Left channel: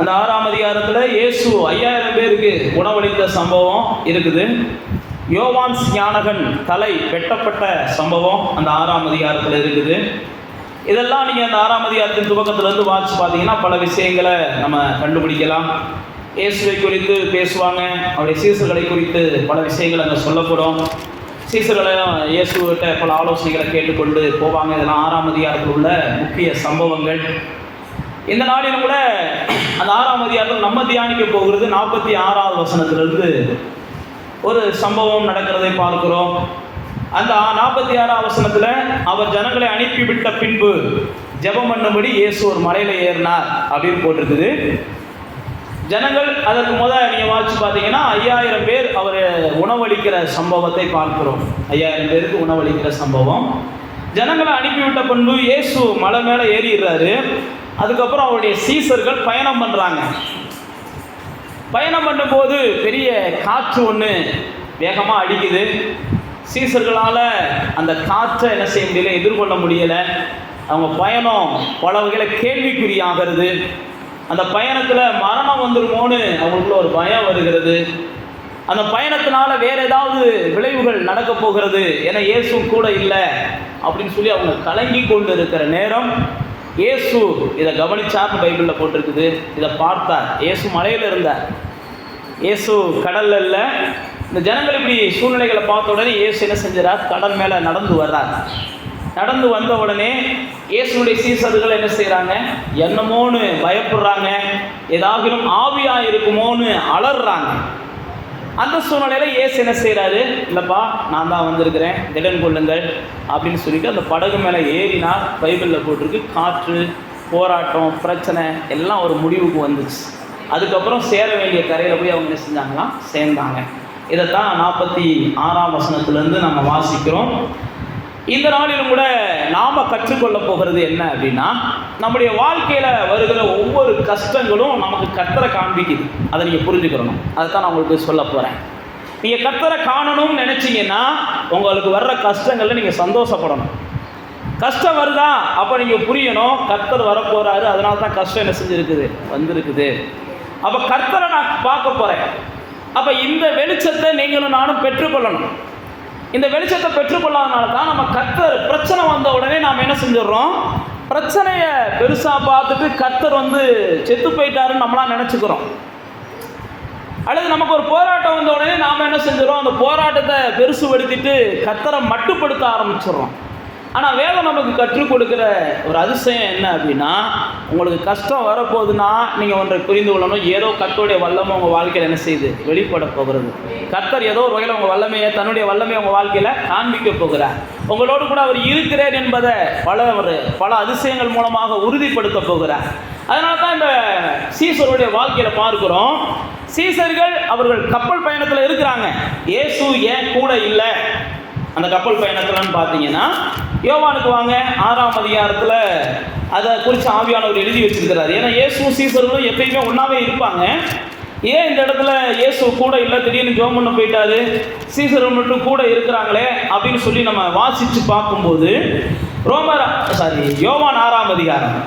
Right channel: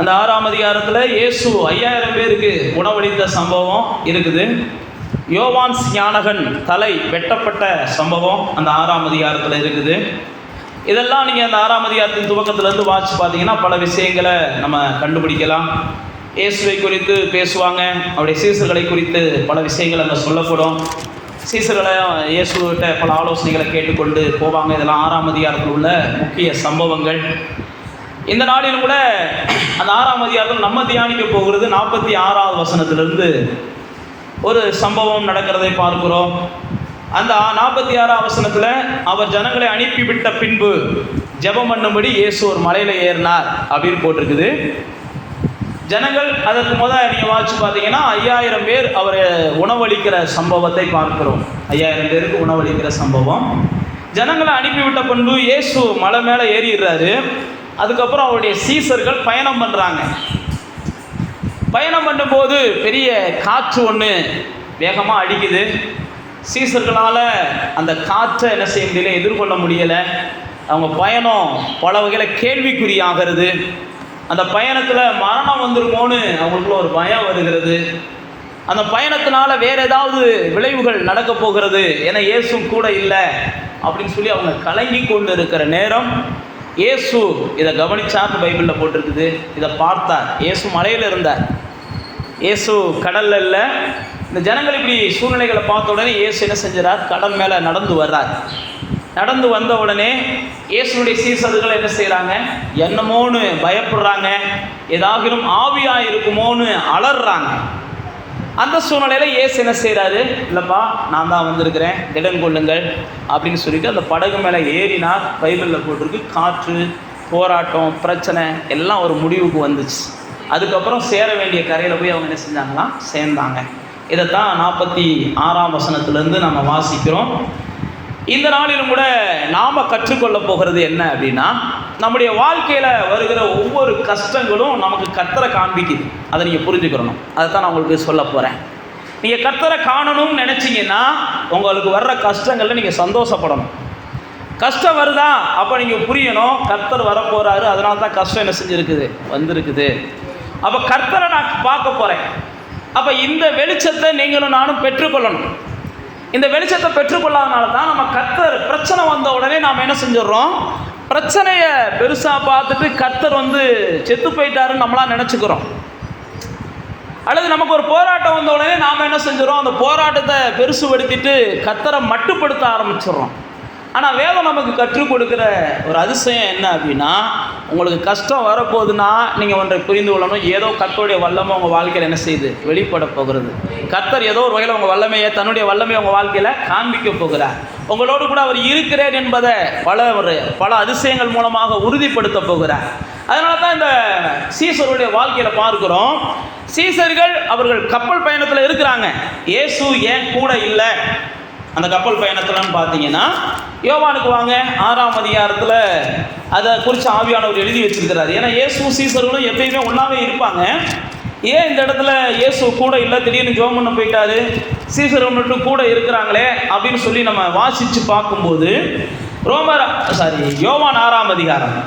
அந்த 6ஆம் அதிகாரத்தில் இயேசு 5000 பேருக்கு உணவளித்த சம்பவம் இருக்குது. யோவான் ஞானகன் தலை வெட்டப்பட்ட சம்பவம் அந்த 6ஆம் அதிகாரத்தில் இருக்குது. இதெல்லாம் நீங்கள் அந்த 6ஆம் அதிகாரத்தின் துவக்கத்திலேருந்து வாசித்து பார்த்தீங்கன்னா பல விஷயங்களை நம்ம கண்டுபிடிக்கலாம். இயேசுவை குறித்து பேசுவாங்க, அவருடைய சீசர்களை குறித்து பல விஷயங்கள் அங்கே சொல்லப்படும். சீசர்களையும் இயேசுகிட்ட பல ஆலோசனைகளை கேட்டுக்கொண்டு போவாங்க. இதெல்லாம் 6ஆம் அதிகாரத்தில் உள்ள முக்கிய சம்பவங்கள். இந்த நாளில் கூட அந்த 6ஆம் அதிகாரத்தில் நம்ம தியானிக்க போகிறது 46வது வசனத்திலிருந்து ஒரு சம்பவம் நடக்கிறதை பார்க்கிறோம். அந்த 46ஆம் வசனத்தில் அவர் ஜனங்களை அனுப்பிவிட்ட பின்பு ஜெபம் பண்ணும்படி இயேசு ஒரு மலையில் ஏறினார் அப்படின்னு போட்டிருக்குது. ஜனங்கள் அதற்கு முதல் நீங்கள் வாசிச்சு பார்த்தீங்கன்னா 5000 பேர் அவர் உணவளிக்கிற சம்பவத்தை பார்க்கிறோம். 5000 பேருக்கு உணவளிக்கிற சம்பவம். ஜனங்களை அனுப்பிவிட்ட பின்பு இயேசு மலை மேலே ஏறிடுறாரு. அதுக்கப்புறம் அவருடைய சீசர்கள் பயணம் பண்ணுறாங்க. பயணம் பண்ணும்போது பெரிய காற்று ஒன்று வேகமாக அடிக்குது. சீசர்களால் அந்த காற்றை என்ன செய்ய முடியல, எதிர்கொள்ள முடியலை. அவங்க பயணம் பல வகையில் கேள்விக்குறியாகிறது. அந்த பயணத்தில் மரணம் வந்துருமோன்னு அவங்களுக்குள்ள ஒரு பயம் வருகிறது. அந்த பயணத்தினால வேறு ஏதாவது விளைவுகள் நடக்க போகிறது, ஏன்னா இயேசு கூட இல்லை அப்படின்னு சொல்லி அவங்க கலங்கி கொண்டு இருக்கிற நேரம் இயேசு இதை கவனிச்சார்னு பைபிளில் போட்டிருக்குது. இதை பார்த்தார். இயேசு மலையில் இருந்தார், இயேசு கடலில் இல்லை. இந்த ஜனங்கள் இப்படி சூழ்நிலைகளை பார்த்த உடனே இயேசு என்ன செஞ்சார், கடல் மேலே நடந்து வர்றார். நடந்து வந்த உடனே இயேசுடைய சீசர்கள் என்ன செய்கிறாங்க, என்னமோன்னு பயப்படுறாங்க, ஏதாகிலும் ஆவியாக இருக்குமோன்னு அலறாங்க. அந்த சூழ்நிலையில் இயேசு என்ன செய்கிறாரு, இல்லைப்பா நான் தான் வந்திருக்கிறேன், திடன் கொள்ளுங்கள் அப்படின்னு சொல்லிட்டு அந்த படகு மேலே ஏறினார். பைபிளில் போட்டிருக்கு. காற்று, போராட்டம், பிரச்சனை எல்லாம் ஒரு முடிவுக்கு வந்துச்சு. அதுக்கப்புறம் சேர வேண்டிய கரையில் போய் அவங்க என்ன செஞ்சாங்களாம், சேர்ந்தாங்க. இதைத்தான் 46ஆம் வசனத்திலேருந்து நம்ம வாசிக்கிறோம். இந்த நாளிலும் கூட நாம் கற்றுக்கொள்ள போகிறது என்ன அப்படின்னா, நம்முடைய வாழ்க்கையில் வருகிற ஒவ்வொரு கஷ்டங்களும் நமக்கு கர்த்தரை காண்பிக்குது. அதை நீங்கள் புரிஞ்சுக்கிறணும். அதை தான் நான் உங்களுக்கு சொல்ல போகிறேன். நீங்கள் கர்த்தரை காணணும்னு நினச்சிங்கன்னா உங்களுக்கு வர்ற கஷ்டங்களில் நீங்கள் சந்தோஷப்படணும். கஷ்டம் வருதா அப்போ நீங்கள் புரியணும், கர்த்தர் வரப்போகிறாரு, அதனால தான் கஷ்டம் என்ன செஞ்சுருக்குது, வந்திருக்குது. அப்போ கர்த்தரை நான் பார்க்க போகிறேன். அப்போ இந்த வெளிச்சத்தை நீங்களும் நானும் பெற்றுக்கொள்ளணும். இந்த வெளிச்சத்தை பெற்றுக்கொள்ளாதனால தான் நம்ம கர்த்தர் பிரச்சனை வந்த உடனே நாம் என்ன செஞ்சிடறோம், பிரச்சனையை பெருசாக பார்த்துட்டு கர்த்தர் செத்து போயிட்டாருன்னு நம்மளாம் நினச்சிக்கிறோம். அல்லது நமக்கு ஒரு போராட்டம் வந்த உடனே நாம் என்ன செஞ்சிடறோம், அந்த போராட்டத்தை பெருசுபடுத்திட்டு கர்த்தரை மட்டுப்படுத்த ஆரம்பிச்சிடுறோம். ஆனால் வேதம் நமக்கு கற்றுக் கொடுக்குற ஒரு அதிசயம் என்ன அப்படின்னா, உங்களுக்கு கஷ்டம் வரப்போகுதுன்னா நீங்கள் ஒன்றை புரிந்து கொள்ளணும், ஏதோ கர்த்தருடைய வல்லமை உங்கள் வாழ்க்கையில் என்ன செய்யுது, வெளிப்பட போகிறது. கர்த்தர் ஏதோ ஒரு வகையில் உங்கள் வல்லமையை, தன்னுடைய வல்லமையை உங்கள் வாழ்க்கையில் காண்பிக்க போகிறார். உங்களோடு கூட அவர் இருக்கிறேன் என்பதை பல அதிசயங்கள் மூலமாக உறுதிப்படுத்த போகிறார். அதனால தான் இந்த சீசருடைய வாழ்க்கையில் பார்க்குறோம். சீசர்கள் அவர்கள் கப்பல் பயணத்தில் இருக்கிறாங்க. இயேசு ஏன் கூட இல்லை அந்த கப்பல் பயணத்தில்னு பார்த்தீங்கன்னா, யோவானுக்கு வாங்க 6ஆம் அதிகாரத்தில் அதை குறித்து ஆவியானவர் எழுதி வச்சிருக்கிறார். ஏன்னா இயேசு சீசர்களும் எப்பயுமே ஒன்றாவே இருப்பாங்க. ஏன் இந்த இடத்துல இயேசு கூட இல்லை, திடீர்னு ஜெபம் பண்ண போயிட்டாரு, சீசர்கள் மட்டும் கூட இருக்கிறாங்களே அப்படின்னு சொல்லி நம்ம வாசித்து பார்க்கும்போது யோவான் 6ஆம் அதிகாரம்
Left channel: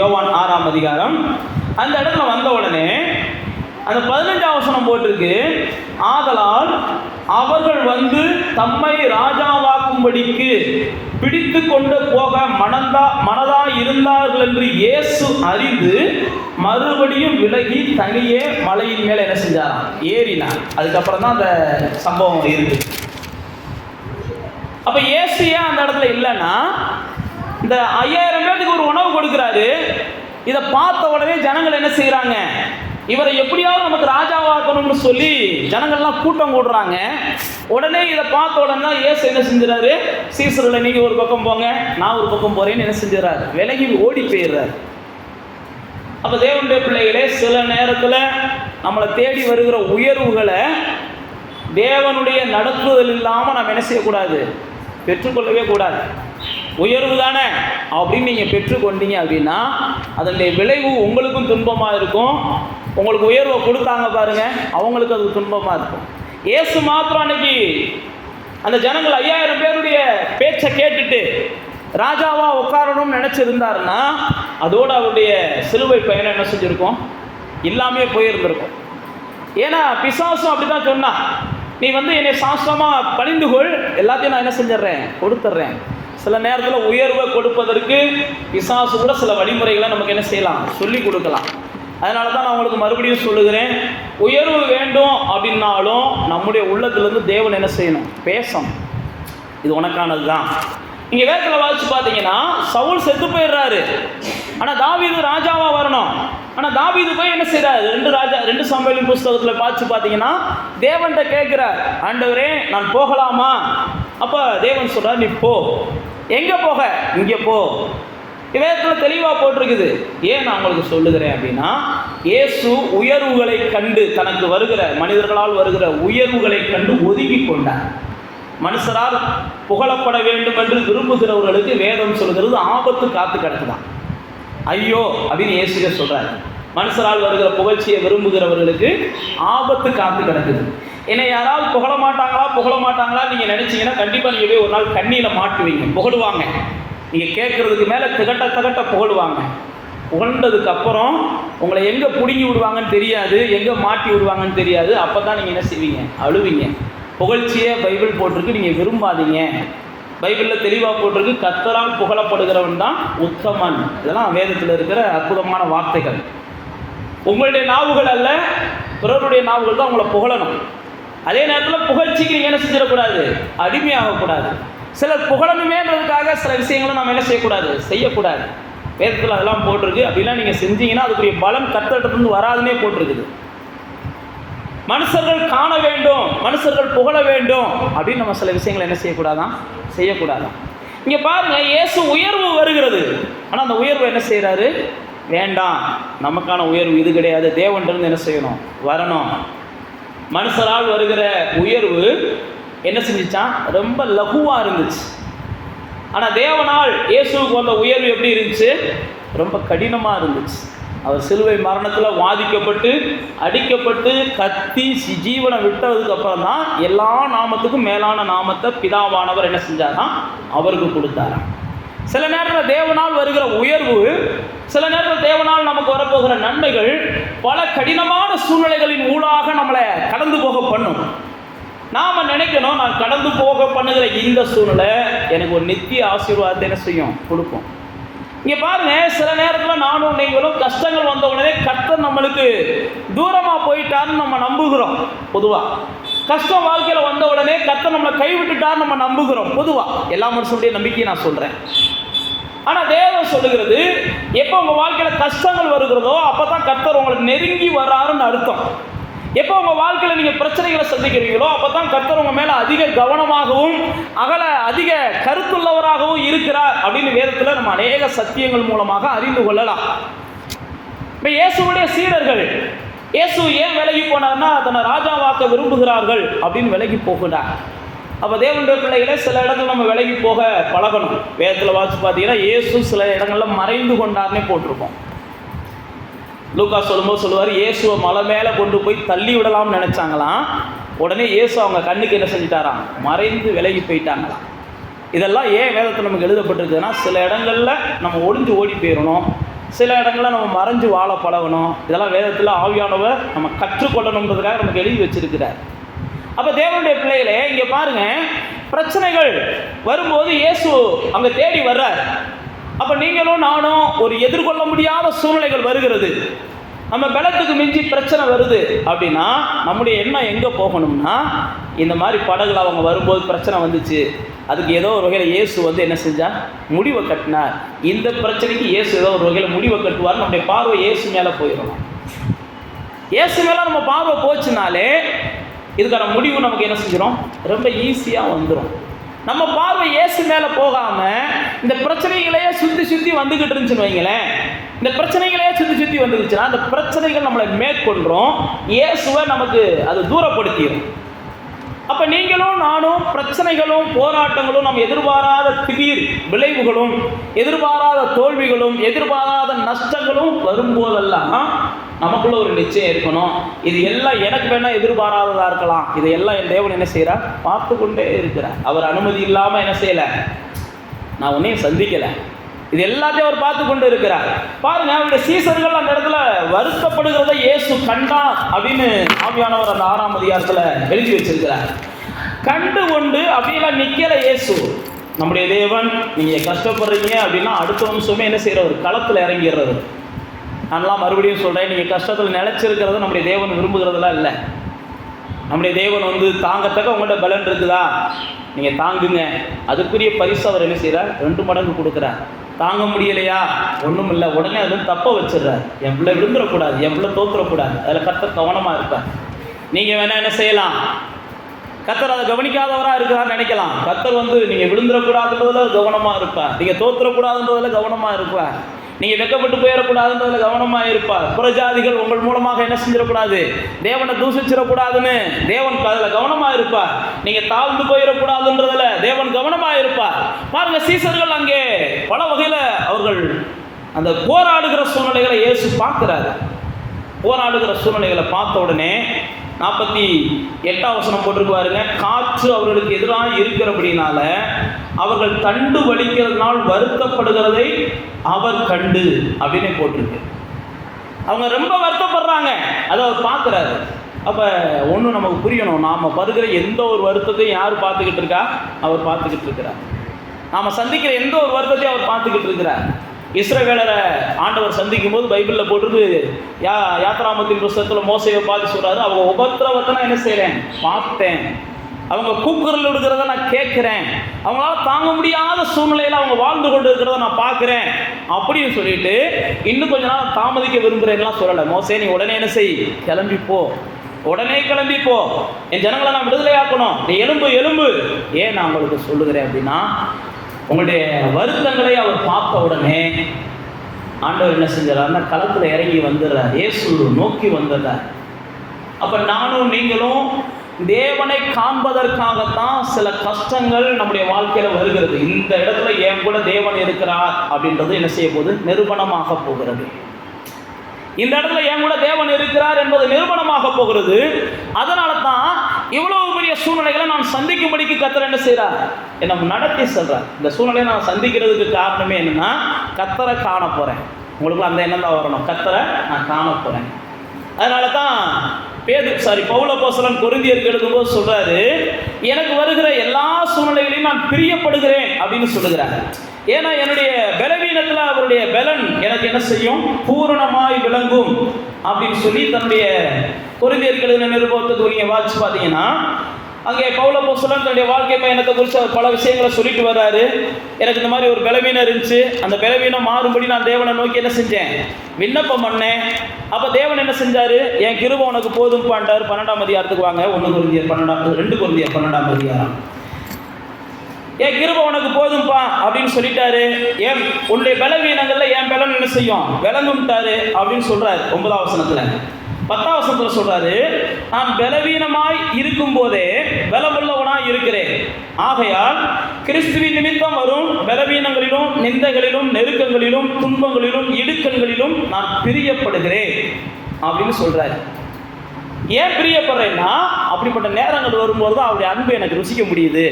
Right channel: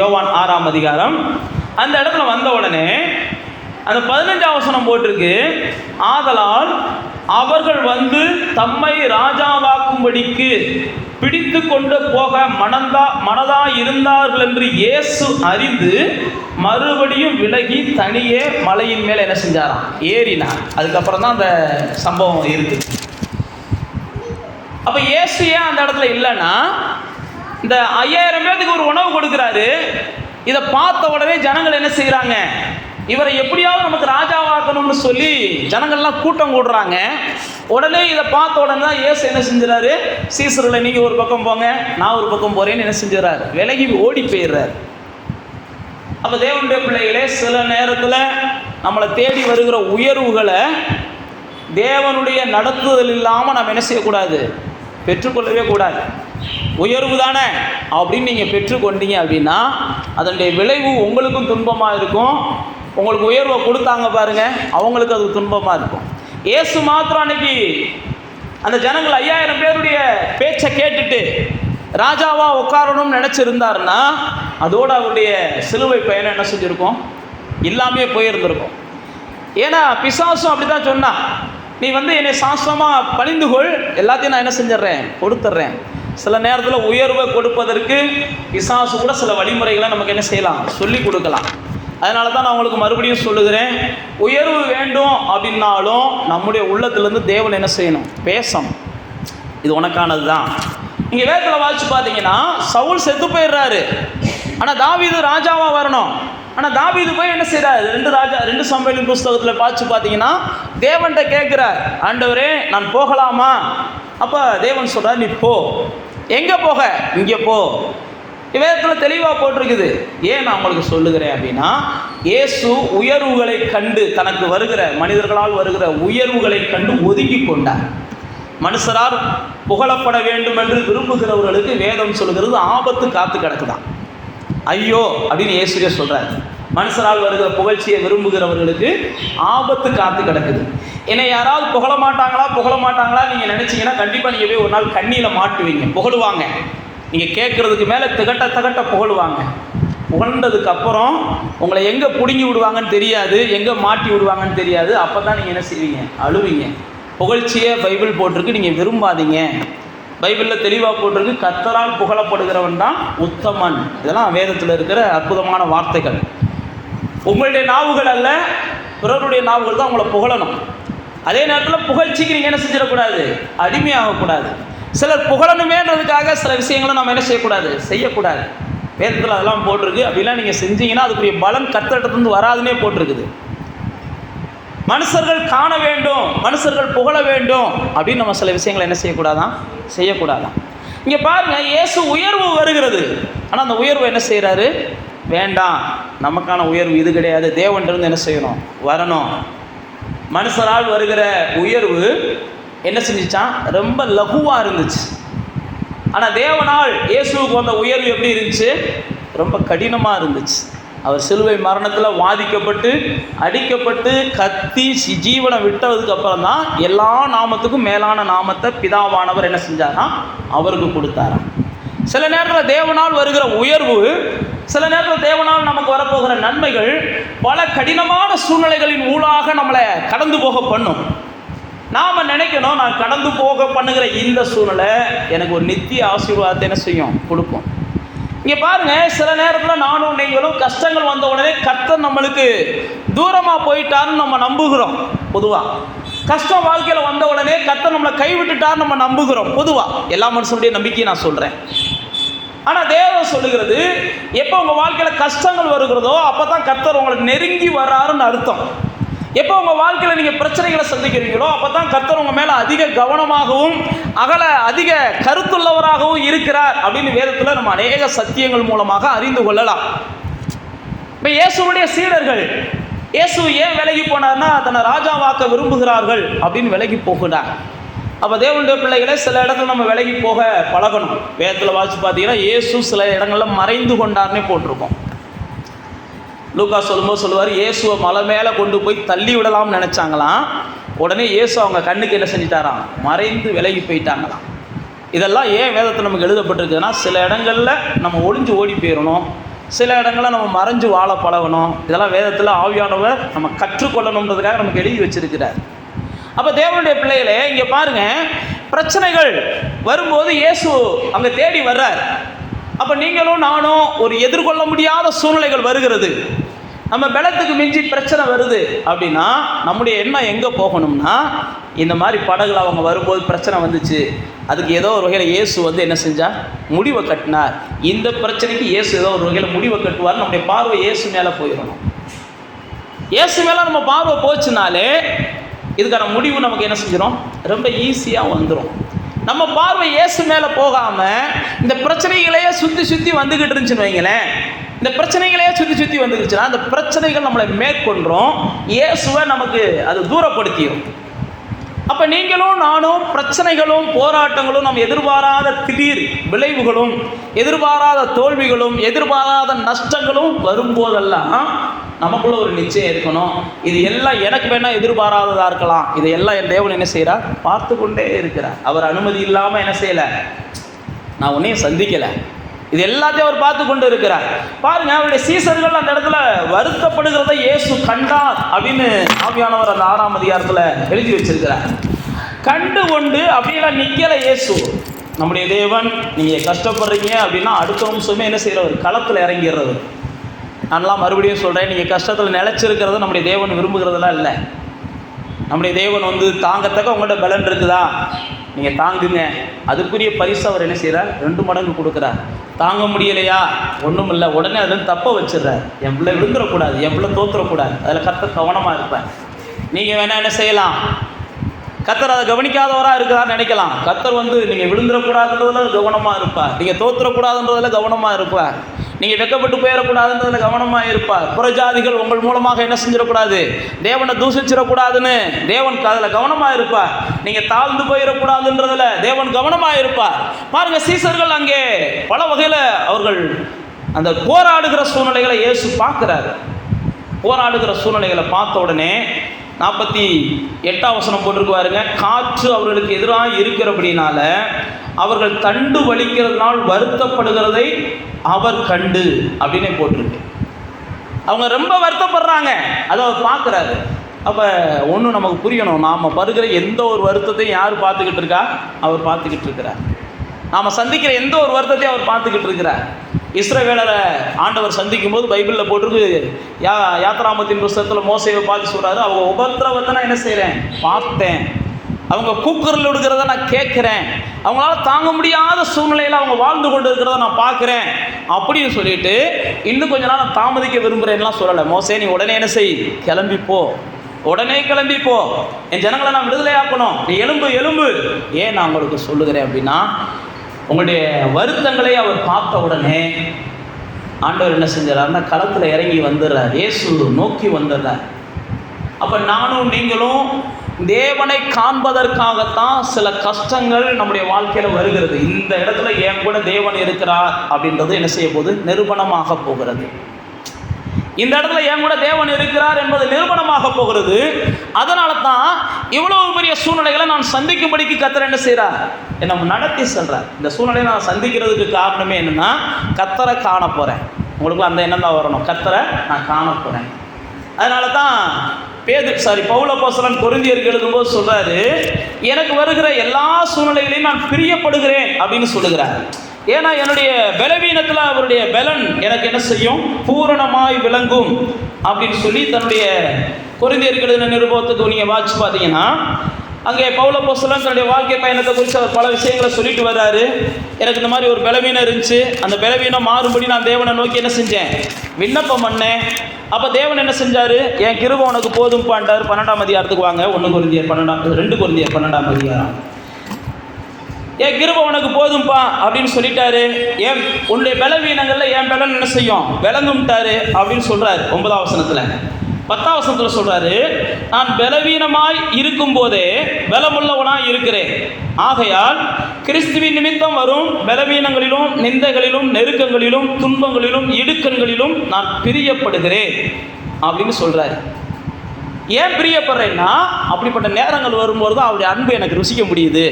யோவான் 6ஆம் அதிகாரம் அந்த இடத்துல வந்த உடனே அந்த 15ஆம் வசனம் போட்டிருக்கு, ஆதலால் அவர்கள் தம்மை ராஜாவாக்கும்படிக்கு பிடித்து கொண்டு போக மனதா இருந்தார்கள் என்று இயேசு அறிந்து மறுபடியும் விலகி தனியே மலையின் மேலே என்ன செஞ்சாராம், ஏறினார். அதுக்கப்புறம் தான் அந்த சம்பவம் இருக்கு. அப்ப இயேசு ஏன் அந்த இடத்துல இல்லைன்னா, இந்த 5000 பேருக்கு ஒரு உணவு கொடுக்குறாரு. இதை பார்த்த உடனே ஜனங்கள் என்ன செய்யறாங்க, இவரை எப்படியாவது நமக்கு ராஜாவாக்கணும்னு சொல்லி ஜனங்கள்லாம் கூட்டம் கூடுறாங்க. உடனே இதை பார்த்த உடனே தான் இயேசு என்ன செஞ்சுறாரு, சீசர்களை நீங்கள் ஒரு பக்கம் போங்க, நான் ஒரு பக்கம் போகிறேன்னு என்ன செஞ்சுறாரு, விலகி ஓடி போயிடுறாரு. அப்போ தேவனுடைய பிள்ளைகளே, சில நேரத்தில் நம்மளை தேடி வருகிற உயர்வுகளை தேவனுடைய நடத்துதல் இல்லாமல் நம்ம என்ன செய்யக்கூடாது, பெற்றுக்கொள்ளவே கூடாது. உயர்வு தானே அப்படின்னு நீங்கள் பெற்றுக்கொண்டீங்க அப்படின்னா அதனுடைய விளைவு உங்களுக்கும் துன்பமாக இருக்கும். உங்களுக்கு உயர்வை கொடுத்தாங்க பாருங்க, அவங்களுக்கு அது துன்பமாக இருக்கும். இயேசு மாத்திரம் அன்னைக்கு அந்த ஜனங்கள் 5000 பேருடைய பேச்சை கேட்டுட்டு ராஜாவா உட்காரணும்னு நினைச்சிருந்தாருன்னா அதோட அவருடைய சிலுவை பயணம் என்ன செஞ்சிருக்கும், இல்லாமே போயிருந்திருக்கும். ஏன்னா பிசாசும் அப்படிதான் சொன்னா, நீ என்னை சாஸ்திரமா பணிந்துகொள், எல்லாத்தையும் நான் என்ன செஞ்சிடறேன், கொடுத்துட்றேன். சில நேரத்தில் உயர்வை கொடுப்பதற்கு பிசாசு கூட சில வழிமுறைகளை நமக்கு என்ன செய்யலாம், சொல்லி கொடுக்கலாம். அதனால தான் நான் உங்களுக்கு மறுபடியும் சொல்லுகிறேன், உயர்வு வேண்டும் அப்படின்னாலும் நம்முடைய உள்ளத்திலிருந்து தேவன் என்ன செய்யணும், பேசணும். இது உனக்கானது தான். நீங்கள் வேதத்தில் வாசிச்சு பார்த்தீங்கன்னா சவுல் செத்து போயிடுறாரு, ஆனால் தாவீது ராஜாவாக வரணும். ஆனால் தாவீது போய் என்ன செய்கிறார், 2 சாமுவேலின் புஸ்தகத்தில் வாசிச்சு பார்த்தீங்கன்னா தேவன்கிட்ட கேட்குறார், ஆண்டவரே நான் போகலாமா? அப்போ தேவன் சொல்கிறார், நீ போ. எங்கே போக? இங்கே போ. வேதத்தில் தெளிவாக போட்டிருக்குது. ஏன் நான் உங்களுக்கு சொல்லுகிறேன் அப்படின்னா, இயேசு உயர்வுகளை கண்டு, தனக்கு வருகிற மனிதர்களால் வருகிற உயர்வுகளை கண்டு ஒதுங்கி கொண்டார். மனுஷரால் புகழப்பட வேண்டும் என்று விரும்புகிறவர்களுக்கு வேதம் சொல்கிறது ஆபத்து காத்து கிடக்குதான். ஐயோ அப்படின்னு இயேசுவே சொல்றாரு. மனுஷரால் வருகிற புகழ்ச்சியை விரும்புகிறவர்களுக்கு ஆபத்து காத்து கிடக்குது. என்னை யாராவது புகழ மாட்டாங்களா நீங்கள் நினைச்சீங்கன்னா கண்டிப்பாக நீங்கள் போய் ஒரு நாள் கண்ணியில் மாட்டுவீங்க. புகழுவாங்க, நீங்கள் கேட்குறதுக்கு மேலே திகட்ட புகழுவாங்க. புகழ்ந்ததுக்கு அப்புறம் உங்களை எங்கே பிடுங்கி விடுவாங்கன்னு தெரியாது, எங்கே மாட்டி விடுவாங்கன்னு தெரியாது. அப்போ தான் நீங்கள் என்ன செய்வீங்க, அழுவீங்க. புகழ்ச்சியே பைபிள் போட்டிருக்கு, நீங்கள் விரும்பாதீங்க. பைபிளில் தெளிவாக போட்டிருக்கு, கர்த்தரால் புகழப்படுகிறவன் தான் உத்தமன். இதெல்லாம் வேதத்தில் இருக்கிற அற்புதமான வார்த்தைகள். உங்களுடைய நாவுகள் அல்ல, பிறருடைய நாவுகள் தான் உங்களை புகழணும். அதே நேரத்தில் புகழ்ச்சிக்கு நீங்கள் என்ன செஞ்சிடக்கூடாது, அடிமையாகக்கூடாது. சிலர் புகழணுமேன்றதுக்காக சில விஷயங்களை நம்ம என்ன செய்யக்கூடாது. வேதத்தில் அதெல்லாம் போட்டிருக்கு. அப்படிலாம் நீங்கள் செஞ்சீங்கன்னா அதுக்குரிய பலன் கர்த்தரிடத்திலிருந்து வராதுன்னே போட்டிருக்குது. மனுஷர்கள் காண வேண்டும், மனுஷர்கள் புகழ வேண்டும் அப்படின்னு நம்ம சில விஷயங்களை என்ன செய்யக்கூடாதான். இங்கே பாருங்கள், இயேசு உயர்வு வருகிறது. ஆனால் அந்த உயர்வு என்ன செய்கிறாரு, வேண்டாம், நமக்கான உயர்வு இது கிடையாது, தேவன்கிட்ட என்ன செய்யணும், வரணும். மனுஷரால் வருகிற உயர்வு என்ன செஞ்சிச்சான், ரொம்ப லகுவாக இருந்துச்சு. ஆனால் தேவனால் இயேசுவுக்கு வந்த உயர்வு எப்படி இருந்துச்சு, ரொம்ப கடினமாக இருந்துச்சு. அவர் சிலுவை மரணத்தில் வாதிக்கப்பட்டு அடிக்கப்பட்டு கத்தி ஜீவனை விட்டதுக்கு அப்புறம் தான் எல்லா நாமத்துக்கும் மேலான நாமத்தை பிதாவானவர் என்ன செஞ்சாரா, அவருக்கு கொடுத்தாராம். சில நேரத்தில் தேவனால் வருகிற உயர்வு, சில நேரத்தில் தேவனால் நமக்கு வரப்போகிற நன்மைகள் பல கடினமான சூழ்நிலைகளின் ஊடாக நம்மளை கடந்து போக பண்ணும். நாம் நினைக்கணும், நான் கடந்து போக பண்ணுகிற இந்த சூழ்நிலை எனக்கு ஒரு நித்திய ஆசீர்வாதத்தை என்ன செய்யும், கொடுக்கும். இங்கே பாருங்க, சில நேரத்தில் நானும் நீங்களும் கஷ்டங்கள் வந்த உடனே கர்த்தர் நம்மளுக்கு தூரமாக போயிட்டாருன்னு நம்ம நம்புகிறோம். பொதுவாக கஷ்டம் வாழ்க்கையில் வந்த உடனே கர்த்தர் நம்மளை கைவிட்டுட்டார் நம்ம நம்புகிறோம். பொதுவாக எல்லா மனுஷனுடைய நம்பிக்கையை நான் சொல்கிறேன். ஆனால் தேவன் சொல்லுகிறது, எப்போ உங்கள் வாழ்க்கையில் கஷ்டங்கள் வருகிறதோ அப்போ தான் கர்த்தர் உங்களை நெருங்கி வராருன்னு அர்த்தம். எப்போ உங்கள் வாழ்க்கையில் நீங்கள் பிரச்சனைகளை சந்திக்கிறீங்களோ அப்போ தான் கர்த்தர் உங்கள் மேலே அதிக கவனமாகவும் அதிக கருத்துள்ளவராகவும் இருக்கிறார் அப்படின்னு வேதத்தில் நம்ம அநேக சத்தியங்கள் மூலமாக அறிந்து கொள்ளலாம். இப்போ இயேசுடைய சீடர்கள், இயேசு ஏன் விலகி போனார்னா தன்னை ராஜாவாக்க விரும்புகிறார்கள் அப்படின்னு விலகி போகிறார். அப்போ தேவனுடைய பிள்ளைகளை சில இடங்கள் நம்ம விலகி போக பழகணும். வேதத்தில் வாசித்து பார்த்தீங்கன்னா இயேசு சில இடங்களில் மறைந்து கொண்டார்னே போட்டிருக்கோம். லூக்கா சொல்லும்போது சொல்லுவார், இயேசுவை மலை மேலே கொண்டு போய் தள்ளி விடலாம்னு நினச்சாங்களாம். உடனே இயேசு அவங்க கண்ணுக்கு என்ன செஞ்சிட்டாராம், மறைந்து விலகி போயிட்டாங்களாம். இதெல்லாம் ஏன் வேதத்தில் நமக்கு எழுதப்பட்டிருக்குதுன்னா, சில இடங்களில் நம்ம ஒளிஞ்சு ஓடி போயிடணும், சில இடங்களில் நம்ம மறைஞ்சு வாழ பழகணும். இதெல்லாம் வேதத்தில் ஆவியானவர் நம்ம கற்றுக்கொள்ளணுன்றதுக்காக நமக்கு எழுதி வச்சிருக்கிறார். அப்போ தேவனுடைய பிள்ளைகளே, இங்கே பாருங்கள், பிரச்சனைகள் வரும்போது இயேசு அங்கே தேடி வர்றார். அப்போ நீங்களும் நானும் ஒரு எதிர்கொள்ள முடியாத சூழ்நிலைகள் வருகிறது, நம்ம பலத்துக்கு மிஞ்சி பிரச்சனை வருது அப்படின்னா நம்முடைய எண்ணம் எங்கே போகணும்னா, இந்த மாதிரி படகுல அவங்க வரும்போது பிரச்சனை வந்துச்சு, அதுக்கு ஏதோ ஒரு வகையில் இயேசு என்ன செஞ்சார், முடிவை கட்டினார். இந்த பிரச்சனைக்கு இயேசு ஏதோ ஒரு வகையில் முடிவை கட்டுவார். நம்முடைய பார்வை இயேசு மேலே போயிடணும். இயேசு மேலே நம்ம பார்வை போச்சுனாலே இதுக்கான முடிவு நமக்கு என்ன செஞ்சிடும், ரொம்ப ஈஸியாக வந்துடும். நம்ம பார்வை இயேசு மேலே போகாமல் இந்த பிரச்சனைகளையே சுற்றி வந்துக்கிட்டு இருந்துச்சுன்னு வைங்களேன், இந்த பிரச்சனைகளையே சுற்றி வந்துருச்சுன்னா அந்த பிரச்சனைகள் நம்மளை மேற்கொள்கிறோம், இயேசுவை நமக்கு அது தூரப்படுத்திடும். அப்போ நீங்களும் நானும் பிரச்சனைகளும் போராட்டங்களும் நம்ம எதிர்பாராத திடீர் விளைவுகளும் எதிர்பாராத தோல்விகளும் எதிர்பாராத நஷ்டங்களும் வரும்போதெல்லாம் நமக்குள்ள ஒரு நிச்சயம் இருக்கணும், இது எல்லாம் எனக்கு வேணால் எதிர்பாராததாக இருக்கலாம், இதையெல்லாம் என் தேவன் என்ன செய்கிறார், பார்த்து கொண்டே இருக்கிறார். அவர் அனுமதி இல்லாமல் என்ன செய்யலை, நான் உன்னையும் சந்திக்கலை. இது எல்லாத்தையும் அவர் பார்த்து கொண்டு இருக்கிறார். பாருங்க, அவருடைய சீசர்கள் அந்த இடத்துல வருத்தப்படுகிறத இயேசு கண்டார் அப்படின்னு ஆவியானவர் அந்த 6ஆம் அதிகாரத்தில் எழுதி வச்சிருக்கிறார். கண்டு கொண்டு அப்படியெல்லாம் நிற்கல இயேசு. நம்முடைய தேவன், நீங்கள் கஷ்டப்படுறீங்க அப்படின்னா அடுத்த நிமிஷமே என்ன செய்கிறவர்? களத்தில் இறங்கிடுறது. நான்லாம் மறுபடியும் சொல்கிறேன், நீங்கள் கஷ்டத்தில் நிலச்சிருக்கிறத நம்முடைய தேவன் விரும்புகிறதுலாம் இல்லை. நம்முடைய தேவன் தாங்கத்தக்க உங்கள்கிட்ட பலன் இருக்குதா, நீங்கள் தாங்குங்க. அதுக்குரிய பரிசு அவர் என்ன செய்கிறார்? 2 மடங்கு கொடுக்குறார். தாங்க முடியலையா, ஒன்றும் இல்லை, உடனே அதில் தப்ப வச்சிடுறார். என் பிள்ளை விழுந்துடக்கூடாது, என் பிள்ளை தோற்றுறக்கூடாது, அதில் கர்த்தர் கவனமாக இருப்பார். நீங்கள் வேணால் என்ன செய்யலாம், கர்த்தர் அதை கவனிக்காதவராக இருக்கிறான்னு நினைக்கலாம். கர்த்தர் நீங்கள் விழுந்துடக்கூடாதுன்றதில் கவனமாக இருப்பார். நீங்கள் தோற்றுறக்கூடாதுன்றதில் கவனமாக இருப்பார். நீங்கள் வெக்கப்பட்டு போயிடக்கூடாதுன்றதில் கவனமாக இருப்பார். புறஜாதிகள் உங்கள் மூலமாக என்ன செஞ்சிடக்கூடாது, தேவனை தூசிச்சிடக்கூடாதுன்னு தேவன் அதில் கவனமாக இருப்பார். நீங்கள் தாழ்ந்து போயிடக்கூடாதுன்றதில் தேவன் கவனமாக இருப்பார். பாருங்கள், சீசர்கள் அங்கே பல வகையில் அவர்கள் அந்த போராடுகிற சூழ்நிலைகளை இயேசு பார்க்குறாரு. போராடுகிற சூழ்நிலைகளை பார்த்த உடனே 48ஆம் வசனம் போட்டிருக்கு பாருங்க. காற்று அவர்களுக்கு எதிராக இருக்கிறபடினால அவர்கள் தண்டு வலிக்கிறதுனால் வருத்தப்படுகிறதை அவர் கண்டு அப்படின்னு போட்டிருக்கு. அவங்க ரொம்ப வருத்தப்படுறாங்க, அதை அவர் பார்க்குறாரு. அப்போ ஒன்று நமக்கு புரியணும், நாம் படுகிற எந்த ஒரு வருத்தத்தையும் யார் பார்த்துக்கிட்டு இருக்கா? அவர் பார்த்துக்கிட்டு இருக்கிறார். நாம் சந்திக்கிற எந்த ஒரு வருத்தத்தையும் அவர் பார்த்துக்கிட்டு இருக்கிறார். இஸ்ரவேலரை ஆண்டவர் சந்திக்கும் போது பைபிளில் போட்டிருக்கு, யாத்ராமத்தின் புஸ்தகத்தில் மோசேயை பார்த்து சொல்கிறாரு, அவங்க உபத்திரவத்தை நான் என்ன செய்கிறேன்? பார்த்தேன். அவங்க கூக்குரல் விடுகிறத நான் கேட்குறேன். அவங்களால தாங்க முடியாத சூழ்நிலையில் அவங்க வாழ்ந்து கொண்டு இருக்கிறத நான் பார்க்குறேன் அப்படின்னு சொல்லிட்டு இன்னும் கொஞ்ச நாள் தாமதிக்க விரும்புகிறேன்லாம் சொல்லலை. மோசே, நீ உடனே என்ன செய்? கிளம்பிப்போ, உடனே கிளம்பிப்போ, என் ஜனங்களை நான் விடுதலையாக்கணும், நீ எலும்பு. ஏன் நான் உங்களுக்கு சொல்லுகிறேன் அப்படின்னா, உங்களுடைய வருத்தங்களை அவர் பார்த்த உடனே ஆண்டவர் என்ன செஞ்சார்னா களத்தில் இறங்கி வந்துடுறார். இயேசு நோக்கி வந்துடுறார். அப்போ நானும் நீங்களும் தேவனை காண்பதற்காகத்தான் சில கஷ்டங்கள் நம்முடைய வாழ்க்கையில் வருகிறது. இந்த இடத்துல என் கூட தேவன் இருக்கிறார் அப்படின்றது என்ன செய்ய போகுது? நிரூபணமாக போகிறது. இந்த இடத்துல என் கூட தேவன் இருக்கிறார் என்பது நிரூபணமாக போகிறது. அதனால தான் இவ்வளவு பெரிய சூழ்நிலைகளை நான் சந்திக்கும்படிக்கு கர்த்தர் என்ன செய்கிறார்? என்னை நடத்தி செல்றார். இந்த சூழ்நிலையை நான் சந்திக்கிறதுக்கு காரணமே என்னன்னா, கர்த்தரை காண போகிறேன். உங்களுக்கு அந்த எண்ணம் தான் வரணும், கர்த்தரை நான் காண போகிறேன். அதனால தான் பவுல் அப்போஸ்தலன் கொரிந்தியருக்கு எழுதும்போது சொல்றாரு, எனக்கு வருகிற எல்லா சூழ்நிலைகளையும் நான் பிரியப்படுகிறேன் அப்படின்னு சொல்லுகிறார். ஏன்னா என்னுடைய பலவீனத்தில் அவருடைய பலன் எனக்கு என்ன செய்யும்? பூரணமாய் விளங்கும் அப்படின்னு சொல்லி தன்னுடைய கொரிந்தியருக்கு எழுதின நிருபத்துக்கு நீங்கள் வாட்சி பார்த்தீங்கன்னா, அங்கே பவுல் அப்போஸ்தலன் தன்னுடைய வாழ்க்கை பயணத்தை குறித்து அவர் பல விஷயங்களை சொல்லிட்டு வர்றாரு. எனக்கு இந்த மாதிரி ஒரு பலவீனம் இருந்துச்சு, அந்த பலவீனம் மாறும்படி நான் தேவனை நோக்கி என்ன செஞ்சேன்? விண்ணப்பம் பண்ணேன். அப்போ தேவன் என்ன செஞ்சார்? என் கிருபை உனக்கு போதும் பாண்டார். 12ஆம் அதிகாரத்துக்கு வாங்க. 2 கொரிந்தியர் 12ஆம் அதிகாரம். என் கிருபை உனக்கு போதும்பா அப்படின்னு சொல்லிட்டாரு. என் உன்னுடைய பலவீனங்களில் என் பலன் என்ன செய்யும்? விளங்கும்ட்டாரு அப்படின்னு சொல்றாரு 9ஆம் வசனத்தில். 10ஆம் வசனத்தில் சொல்றாரு, நான் பலவீனமாய் இருக்கும் போதே பலமுள்ளவனாய் இருக்கிறேன். ஆகையால் கிறிஸ்துவின் நிமித்தம் வரும் பலவீனங்களிலும் நிந்தைகளிலும் நெருக்கங்களிலும் துன்பங்களிலும் இடுக்கண்களிலும் நான் பிரியப்படுகிறேன் அப்படின்னு சொல்றாரு. ஏன் பிரியப்படுறேன்னா, அப்படிப்பட்ட நேரங்கள் வரும்போது தான் அவருடைய அன்பு எனக்கு ருசிக்க முடியுது.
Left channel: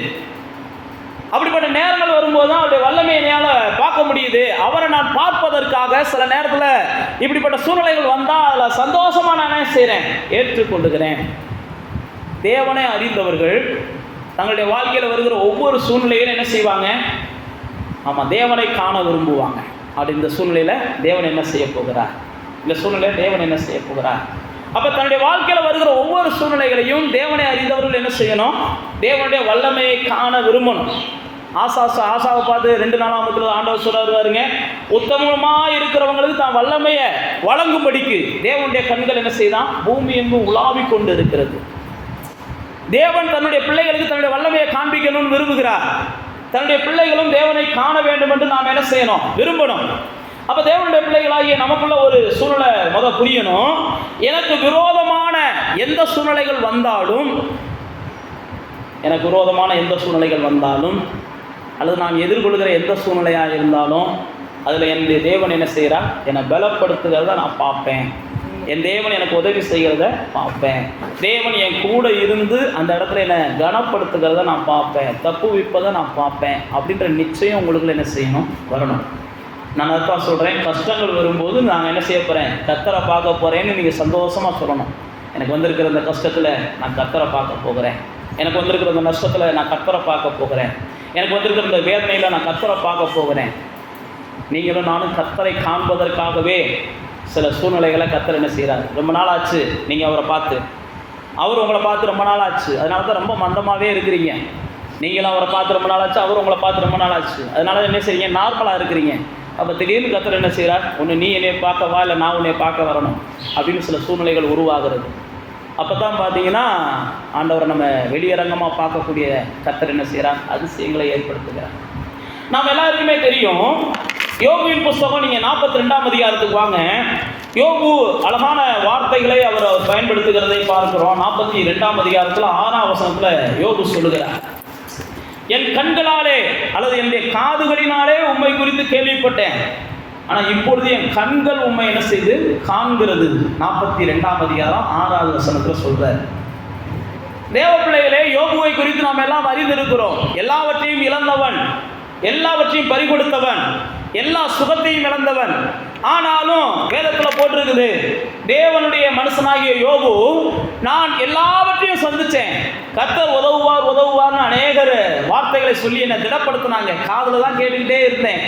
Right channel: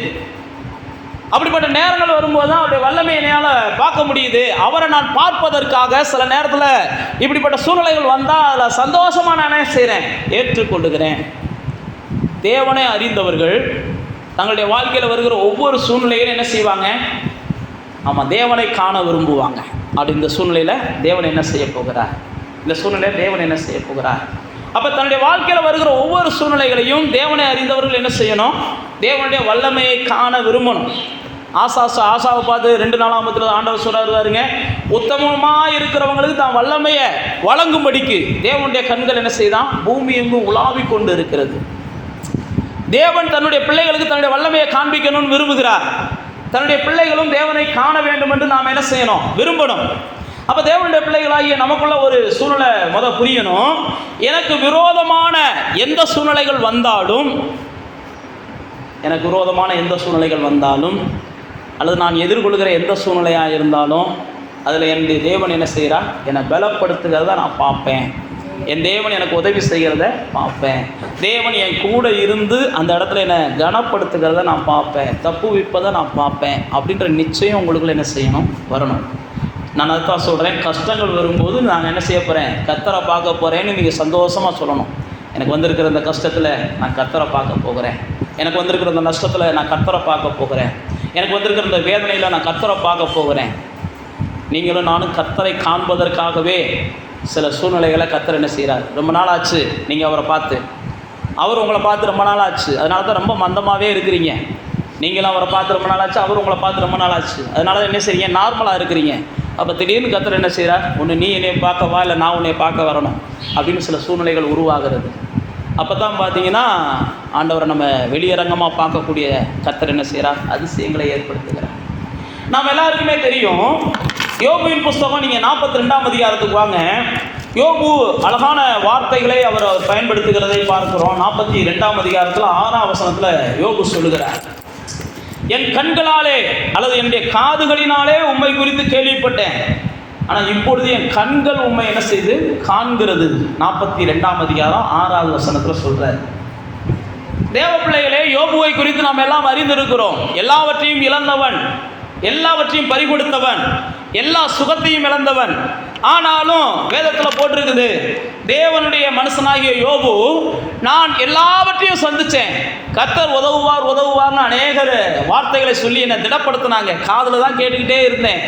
அப்படிப்பட்ட நேரங்கள் வரும்போது தான் அவருடைய வல்லமை என்னால் பார்க்க முடியுது. அவரை நான் பார்ப்பதற்காக சில நேரத்தில் இப்படிப்பட்ட சூழ்நிலைகள் வந்தால் அதில் சந்தோஷமாக நான் என்ன செய்கிறேன்? ஏற்றுக்கொள்ளுகிறேன். தேவனை அறிந்தவர்கள் தங்களுடைய வாழ்க்கையில் வருகிற ஒவ்வொரு சூழ்நிலையிலும் என்ன செய்வாங்க? ஆமாம், தேவனை காண விரும்புவாங்க. அப்படி இந்த சூழ்நிலையில் தேவன் என்ன செய்ய போகிறார்? இந்த சூழ்நிலையில் தேவன் என்ன செய்ய போகிறார்? அப்போ தன்னுடைய வாழ்க்கையில் வருகிற ஒவ்வொரு சூழ்நிலைகளையும் தேவனை அறிந்தவர்கள் என்ன செய்யணும்? தேவனுடைய வல்லமையை காண விரும்பணும். ஆசாவை பார்த்து 2 நாளாமத்தில் ஆண்டவர் சொல்றாருங்க, உத்தமமாக இருக்கிறவங்களுக்கு தான் வல்லமையை வழங்கும்படிக்கு தேவனுடைய கண்கள் என்ன செய்தான்? பூமி எங்கும் உலாவி கொண்டு இருக்கிறது. தேவன் தன்னுடைய பிள்ளைகளுக்கு தன்னுடைய வல்லமையை காண்பிக்கணும்னு விரும்புகிறார். தன்னுடைய பிள்ளைகளும் தேவனை காண வேண்டும் என்று நாம் என்ன செய்யணும்? விரும்பணும். அப்போ தேவனுடைய பிள்ளைகளாகிய நமக்குள்ள ஒரு சூழ்நிலை புரியணும். எனக்கு விரோதமான எந்த சூழ்நிலைகள் வந்தாலும், அல்லது நான் எதிர்கொள்கிற எந்த சூழ்நிலையாக இருந்தாலும் அதில் என்னுடைய தேவன் என்ன செய்கிறார்? என்னை பலப்படுத்துகிறத நான் பார்ப்பேன். என் தேவன் எனக்கு உதவி செய்கிறத பார்ப்பேன். தேவன் என் கூட இருந்து அந்த இடத்துல என்னை கனப்படுத்துகிறத நான் பார்ப்பேன், தப்பு வைப்பதை நான் பார்ப்பேன் அப்படின்ற நிச்சயம் உங்களுக்குள்ள என்ன செய்யணும், வரணும். நான் அதான் சொல்கிறேன், கஷ்டங்கள் வரும்போது நான் என்ன செய்ய போகிறேன், கர்த்தரை பார்க்க போகிறேன்னு நீங்கள் சந்தோஷமாக சொல்லணும். எனக்கு வந்திருக்கிற இந்த கஷ்டத்தில் நான் கர்த்தரை பார்க்க போகிறேன், எனக்கு வந்திருக்கிற இந்த நஷ்டத்தில் நான் கர்த்தரை பார்க்க போகிறேன், எனக்கு வந்திருக்கிற இந்த வேதனையில் நான் கர்த்தரை பார்க்க போகிறேன். நீங்களும் நானும் கர்த்தரை காண்பதற்காகவே சில சூழ்நிலைகளை கர்த்தர் என்ன செய்கிறார். ரொம்ப நாள் ஆச்சு நீங்கள் அவரை பார்த்து, அவர் உங்களை பார்த்து ரொம்ப நாள் ஆச்சு, அதனால தான் ரொம்ப மந்தமாகவே இருக்கிறீங்க. நீங்களும் அவரை பார்த்து ரொம்ப நாள் ஆச்சு, அவர் உங்களை பார்த்து ரொம்ப நாள் ஆச்சு, அதனால தான் என்ன செய்றீங்க, நார்மலாக இருக்கிறீங்க. அப்போ திடீர்னு கர்த்தர் என்ன செய்கிறார், ஒன்று நீ என்னை பார்க்கவா இல்லை நான் உன்னை பார்க்க வரணும் அப்படின்னு சில சூழ்நிலைகள் உருவாகிறது. அப்போ தான் பார்த்தீங்கன்னா ஆண்டவரை நம்ம வெளியரங்கமாக பார்க்கக்கூடிய கர்த்தர் என்ன செய்கிறார், அதிசயங்களை ஏற்படுத்துகிறார். நாம் எல்லாருக்குமே தெரியும், யோபுவின் புஸ்தகம் நீங்கள் 42ஆம் அதிகாரத்துக்கு வாங்க. யோபு அழகான வார்த்தைகளை அவர் பயன்படுத்துகிறதை பார்க்கிறோம். 42ஆம் அதிகாரத்தில் 6ஆம் வசனத்தில் யோபு சொல்லுகிறார், என் கண்களாலே அல்லது என்னுடைய காதுகளினாலே உம்மை குறித்து கேள்விப்பட்டேன், ஆனால் இப்பொழுது என் கண்கள் உம்மை என்ன செய்து காண்கிறது. 42ஆம் அதிகாரம் 6வது வசனத்தில் சொல்றார். தேவ பிள்ளைகளே, யோபுவை குறித்து நாம் எல்லாம் அறிந்திருக்கிறோம். எல்லாவற்றையும் இழந்தவன், எல்லாவற்றையும் பறிகொடுத்தவன், எல்லா சுகத்தையும் இழந்தவன். ஆனாலும் வேதத்தில் போட்டிருக்குது, தேவனுடைய மனுஷனாகிய யோபு நான் எல்லாவற்றையும் சந்திச்சேன், கர்த்தர் உதவுவார் உதவுவார்னு அநேகர் வார்த்தைகளை சொல்லி என்னை திடப்படுத்தினாங்க. காதில் தான் கேட்டுக்கிட்டே இருந்தேன்.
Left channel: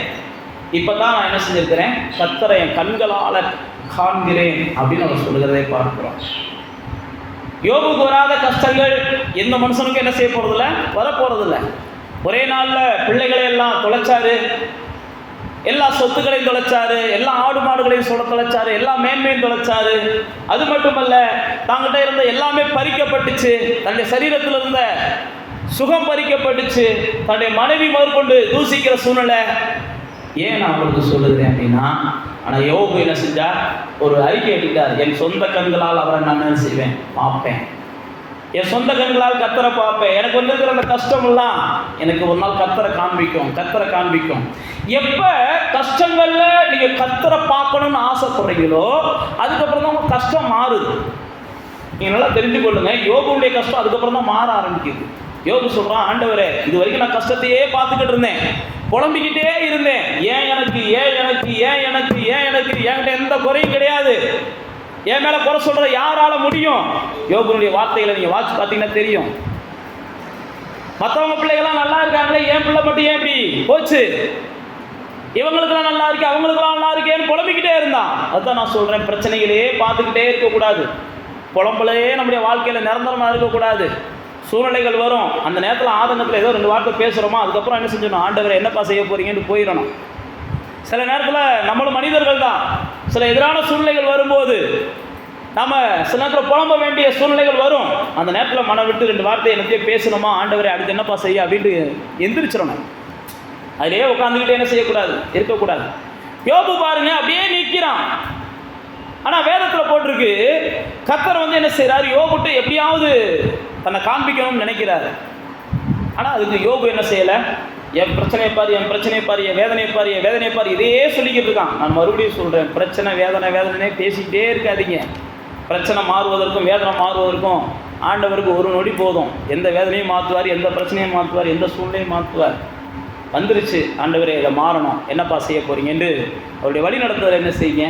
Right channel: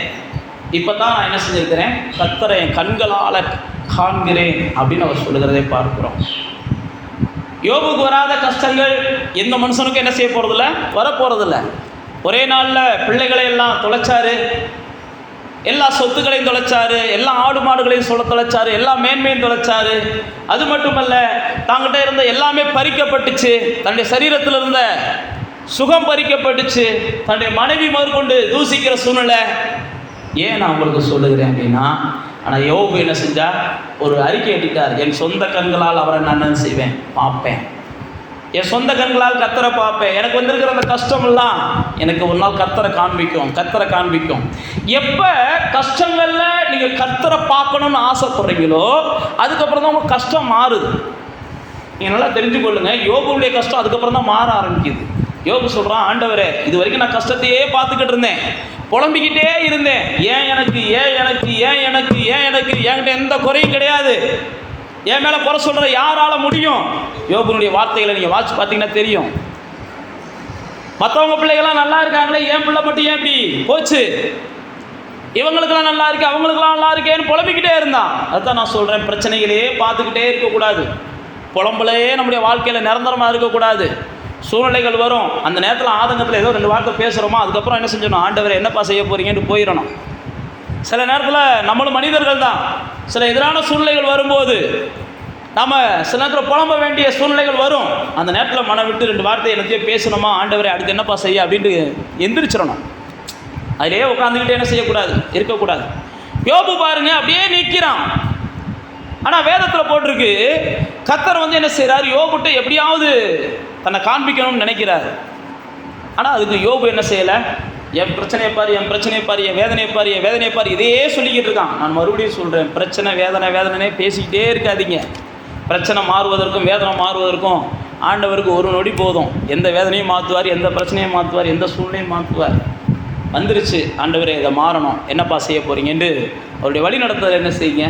இப்போ தான் நான் என்ன செஞ்சிருக்கிறேன், கர்த்தரை என் கண்களால் காண்கிறேன் அப்படின்னு அவர் சொல்லுகிறதை பார்க்கிறோம். யோபுக்கு வராத கஷ்டங்கள் எந்த மனுஷனுக்கும் என்ன செய்ய போகிறதில்ல, வரப்போகிறதில்ல. ஒரே நாளில் பிள்ளைகளை எல்லாம் தொலைச்சாரு, எல்லா சொத்துக்களையும் தொலைச்சாரு, எல்லா ஆடு மாடுகளையும் தொலைச்சாரு, எல்லா மேன்மையும் தொலைச்சாரு. அது மட்டுமல்ல, தாங்கிட்ட இருந்த எல்லாமே பறிக்கப்பட்டுச்சு, தன்னுடைய சரீரத்தில் இருந்த சுகம் பறிக்கப்பட்டுச்சு, தன்னுடைய மனைவி முதற்கொண்டு தூசிக்கிற சூழ்நிலை. ஏன் நான் உங்களுக்கு சொல்லுகிறேன் அப்படின்னா, ஆனால் யோபு என்ன செஞ்சார், ஒரு அறிக்கை எட்டிட்டார், என் சொந்த கண்களால் அவரை நான் என்ன செய்வேன், பார்ப்பேன், என் சொந்த கண்களால் கர்த்தரை பார்ப்பேன். எனக்கு வந்திருக்கிற அந்த கஷ்டமெல்லாம் எனக்கு ஒரு நாள் கர்த்தரை காண்பிக்கும், கர்த்தரை காண்பிக்கும். எப்போ கஷ்டங்கள்ல நீங்கள் கர்த்தரை பார்க்கணும்னு ஆசைப்படுறீங்களோ அதுக்கப்புறம் தான் உங்கள் கஷ்டம் மாறுது. நீங்கள் நல்லா தெரிஞ்சு கொள்ளுங்க, யோபுடைய கஷ்டம் அதுக்கப்புறம் தான் மாற ஆரம்பிக்குது. யோபு சொல்கிறான், ஆண்டவரே இது வரைக்கும் நான் கஷ்டத்தையே பார்த்துக்கிட்டு இருந்தேன், புலம்பிக்கிட்டே இருந்தேன், ஏன் எனக்கு ஏன் எனக்கு ஏன் எனக்கு ஏன் எனக்கு என்கிட்ட எந்த குறையும் கிடையாது, என் மேலே குறை சொல்கிற யாரால முடியும். யோபுனுடைய வார்த்தைகளை நீங்கள் வாட்சி பார்த்தீங்கன்னா தெரியும். மற்றவங்க பிள்ளைகள்லாம் நல்லா இருக்காங்களே, என் பிள்ளை மட்டும் ஏன் இப்படி போச்சு, இவங்களுக்கெல்லாம் நல்லா இருக்கு அவங்களுக்கெல்லாம் நல்லா இருக்கேன்னு புலம்பிக்கிட்டே இருந்தான். அதுதான் நான் சொல்கிறேன், பிரச்சனைகளையே பார்த்துக்கிட்டே இருக்கக்கூடாது, புலம்பலே நம்முடைய வாழ்க்கையில் நிரந்தரமாக இருக்கக்கூடாது. சூழ்நிலைகள் வரும், அந்த நேரத்தில் ஆதங்கத்தில் ஏதோ 2 வார்த்தை பேசுகிறோமா, அதுக்கப்புறம் என்ன செஞ்சணும், ஆண்டவர் என்னப்பா செய்ய போகிறீங்கன்னு போயிடணும். சில நேரத்தில் நம்மளும் மனிதர்கள் தான், சில எதிரான சூழ்நிலைகள் வரும்போது நம்ம சில நேரத்தில் புலம்ப வேண்டிய சூழ்நிலைகள் வரும். அந்த நேரத்தில் மனம் விட்டு 2 வார்த்தை எனக்கு பேசணுமா, ஆண்டவரை அடுத்து என்னப்பா செய்ய அப்படின்ட்டு எந்திரிச்சிடணும். அதிலே உட்காந்துக்கிட்டு என்ன செய்யக்கூடாது, இருக்கக்கூடாது. யோபு பாருங்க அப்படியே நிற்கிறான். ஆனால் வேதத்தில் போட்டிருக்கு, கர்த்தர் வந்து என்ன செய்கிறார், யோபுட்டு எப்படியாவது தன்னை காண்பிக்கணும்னு நினைக்கிறார். ஆனால் அதுக்கு யோபு என்ன செய்யலை, என் பிரச்சனையை பாரு, என் பிரச்சனையை பாரு, என் வேதனையை பாரு, என் வேதனையை பாரு, இதே சொல்லிக்கிட்டு இருக்கான். நான் மறுபடியும் சொல்கிறேன், பிரச்சனை வேதனை வேதனையே பேசிக்கிட்டே இருக்காதீங்க. பிரச்சனை மாறுவதற்கும் வேதனை மாறுவதற்கும் ஆண்டவருக்கு ஒரு நொடி போதும். எந்த வேதனையும் மாற்றுவார், எந்த பிரச்சனையும் மாற்றுவார், எந்த சூழ்நிலையும் மாற்றுவார். வந்துருச்சு, ஆண்டவரே இதை மாறணும், என்னப்பா செய்ய போகிறீங்கன்னு அவருடைய வழி நடத்துதல் என்ன செய்யுங்க,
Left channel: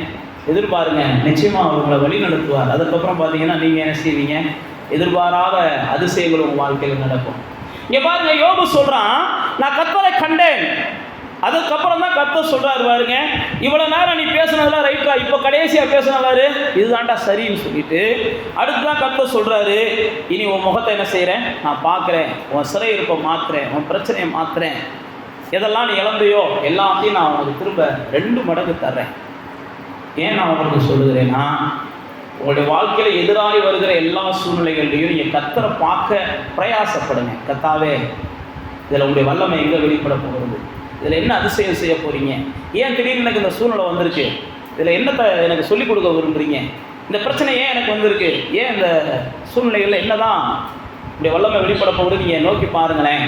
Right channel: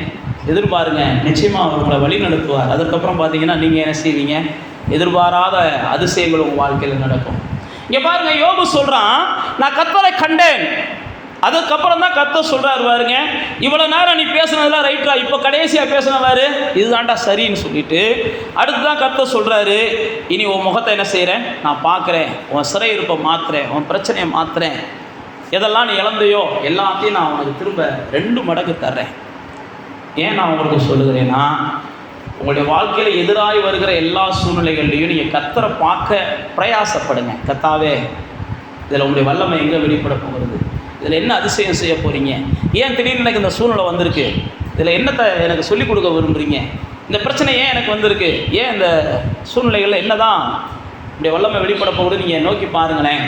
எதிர்பாருங்க, நிச்சயமாக அவர் உங்களை வழி நடத்துவார். அதுக்கப்புறம் பார்த்தீங்கன்னா நீங்கள் என்ன செய்வீங்க, எதிர்பாராத அதிசயங்கள் உங்கள் வாழ்க்கையில் நடக்கும். இங்கே பாருங்க, யோபு சொல்கிறான், நான் கர்த்தரை கண்டேன். அதுக்கப்புறம் தான் கர்த்தர் சொல்கிறாரு, பாருங்க இவ்வளோ நேரம் நீ பேசுனதெல்லாம் ரைட்டா, இப்போ கடைசியாக பேசுனவாரு இதுதான்டா சரின்னு சொல்லிட்டு அடுத்து தான் கர்த்தர் சொல்கிறாரு, இனி உன் முகத்தை என்ன செய்கிறேன், நான் பார்க்குறேன், உன் சிறையிருப்பை மாற்றுறேன், உன் பிரச்சனையை மாற்றுறேன், எதெல்லாம் நீ இழந்தையோ எல்லாத்தையும் நான் உனக்கு திரும்ப 2 மடங்கு தர்றேன். ஏன் நான் உங்களுக்கு சொல்லுகிறேன்னா, உங்களுடைய வாழ்க்கையில் எதிராகி வருகிற எல்லா சூழ்நிலைகளையும் நீங்கள் கர்த்தரை பார்க்க பிரயாசப்படுங்க. கர்த்தாவே இதில் உங்களுடைய வல்லமை எங்கே வெளிப்பட போகிறது, இதில் என்ன அதிசயம் செய்ய போகிறீங்க, ஏன் திடீர்னு எனக்கு இந்த சூழ்நிலை வந்திருக்கு, இதில் என்னத்தை எனக்கு சொல்லிக் கொடுக்க விரும்புகிறீங்க, இந்த பிரச்சனை ஏன் எனக்கு வந்திருக்கு, ஏன் இந்த சூழ்நிலைகளில் என்ன தான் உங்களுடைய வல்லமை வெளிப்பட போகிறது, நீங்கள் நோக்கி பாருங்களேன்.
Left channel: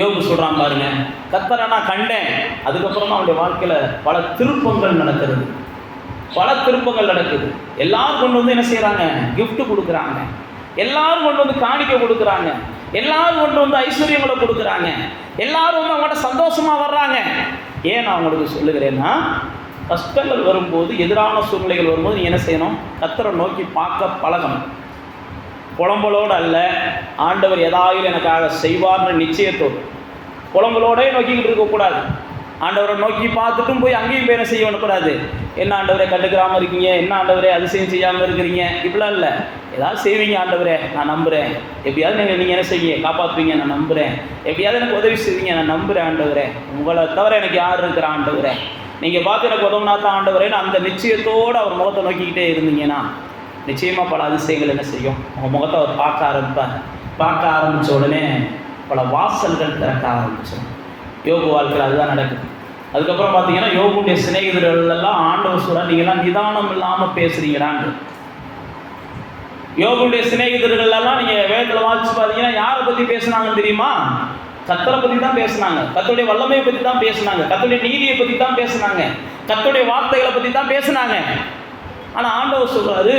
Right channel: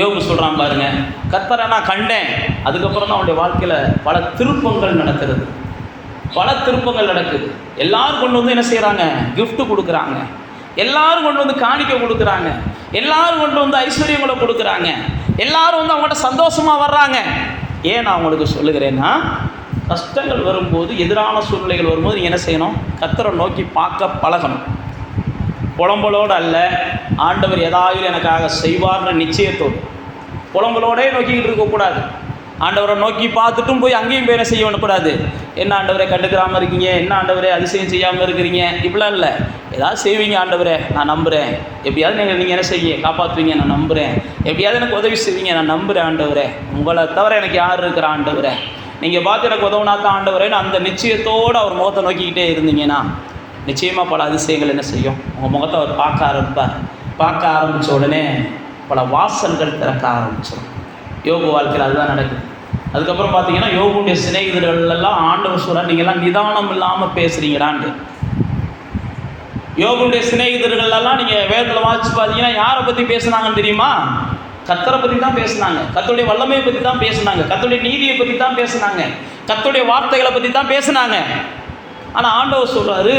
யோபு சொல்கிறான் பாருங்க, கர்த்தரை நான் கண்டேன். அதுக்கப்புறம் தான் அவனுடைய வாழ்க்கையில் பல திருப்பங்கள் நடக்கிறது. பல திருப்பங்கள் நடக்குது. எல்லாரும் கொண்டு வந்து என்ன செய்கிறாங்க? கிஃப்ட் கொடுக்குறாங்க. எல்லாரும் கொண்டு வந்து காணிக்கை கொடுக்குறாங்க. எல்லாரும் கொண்டு வந்து ஐஸ்வர்யங்களை கொடுக்குறாங்க. எல்லாரும் வந்து அவங்கள்ட்ட சந்தோஷமாக வர்றாங்க. ஏன் நான் உங்களுக்கு சொல்லுகிறேன்னா, கஷ்டங்கள் வரும்போது, எதிரான சூழ்நிலைகள் வரும்போது நீ என்ன செய்யணும்? கர்த்தரை நோக்கி பார்க்க பழகணும். புலம்பலோடு அல்ல, ஆண்டவர் ஏதாவது எனக்காக செய்வார்ன்ற நிச்சயத்தோடு. புலம்பலோடே நோக்கிக்கிட்டு இருக்கக்கூடாது. ஆண்டவரை நோக்கி பார்த்துட்டும் போய் அங்கேயும் போய் என்ன செய்ய பண்ணக்கூடாது. என்ன ஆண்டவரை கண்டுக்கிறாமல் இருக்கீங்க, என்ன ஆண்டவரை அதிசயம் செய்யாமல் இருக்கிறீங்க, இப்படிலாம் இல்லை. ஏதாவது செய்வீங்க ஆண்டவரே, நான் நம்புகிறேன். எப்படியாவது நீங்கள் என்ன செய்வீங்க? காப்பாற்றுவீங்க, நான் நம்புகிறேன். எப்படியாவது எனக்கு உதவி செய்வீங்க, நான் நம்புகிறேன் ஆண்டவரே. உங்களை தவிர எனக்கு யார் இருக்கிற ஆண்டவரே? நீங்கள் பார்த்து எனக்கு உதவுனாத்தான் ஆண்டவரேன்னு அந்த நிச்சயத்தோடு அவர் முகத்தை நோக்கிக்கிட்டே இருந்தீங்கன்னா நிச்சயமாக பல அதிசயங்கள் என்ன செய்யும்? உங்கள் முகத்தை அவர் பார்க்க ஆரம்பிப்பார். பார்க்க ஆரம்பித்த உடனே பல வாசல்கள் திறக்க ஆரம்பிச்சிடும். யோபு வாழ்க்கையில் அதுதான் நடக்குது. அதுக்கப்புறம் பார்த்தீங்கன்னா, யோபுடைய சிநேகிதர்கள் எல்லாம் ஆண்டவர் சொல்கிறார், நீங்கள்லாம் நிதானம் இல்லாமல் பேசுகிறீங்களான்னு. யோபுடைய சிநேகிதர்கள் எல்லாம் நீங்கள் வேதத்தில் வாசிச்சு பார்த்தீங்கன்னா யாரை பற்றி பேசுனாங்கன்னு தெரியுமா? கர்த்தரை பற்றி தான் பேசுனாங்க. கர்த்தருடைய வல்லமையை பற்றி தான் பேசுனாங்க. கர்த்தருடைய நீதியை பற்றி தான் பேசுனாங்க. கர்த்தருடைய வார்த்தைகளை பற்றி தான் பேசுனாங்க. ஆனால் ஆண்டவர் சொல்கிறாரு,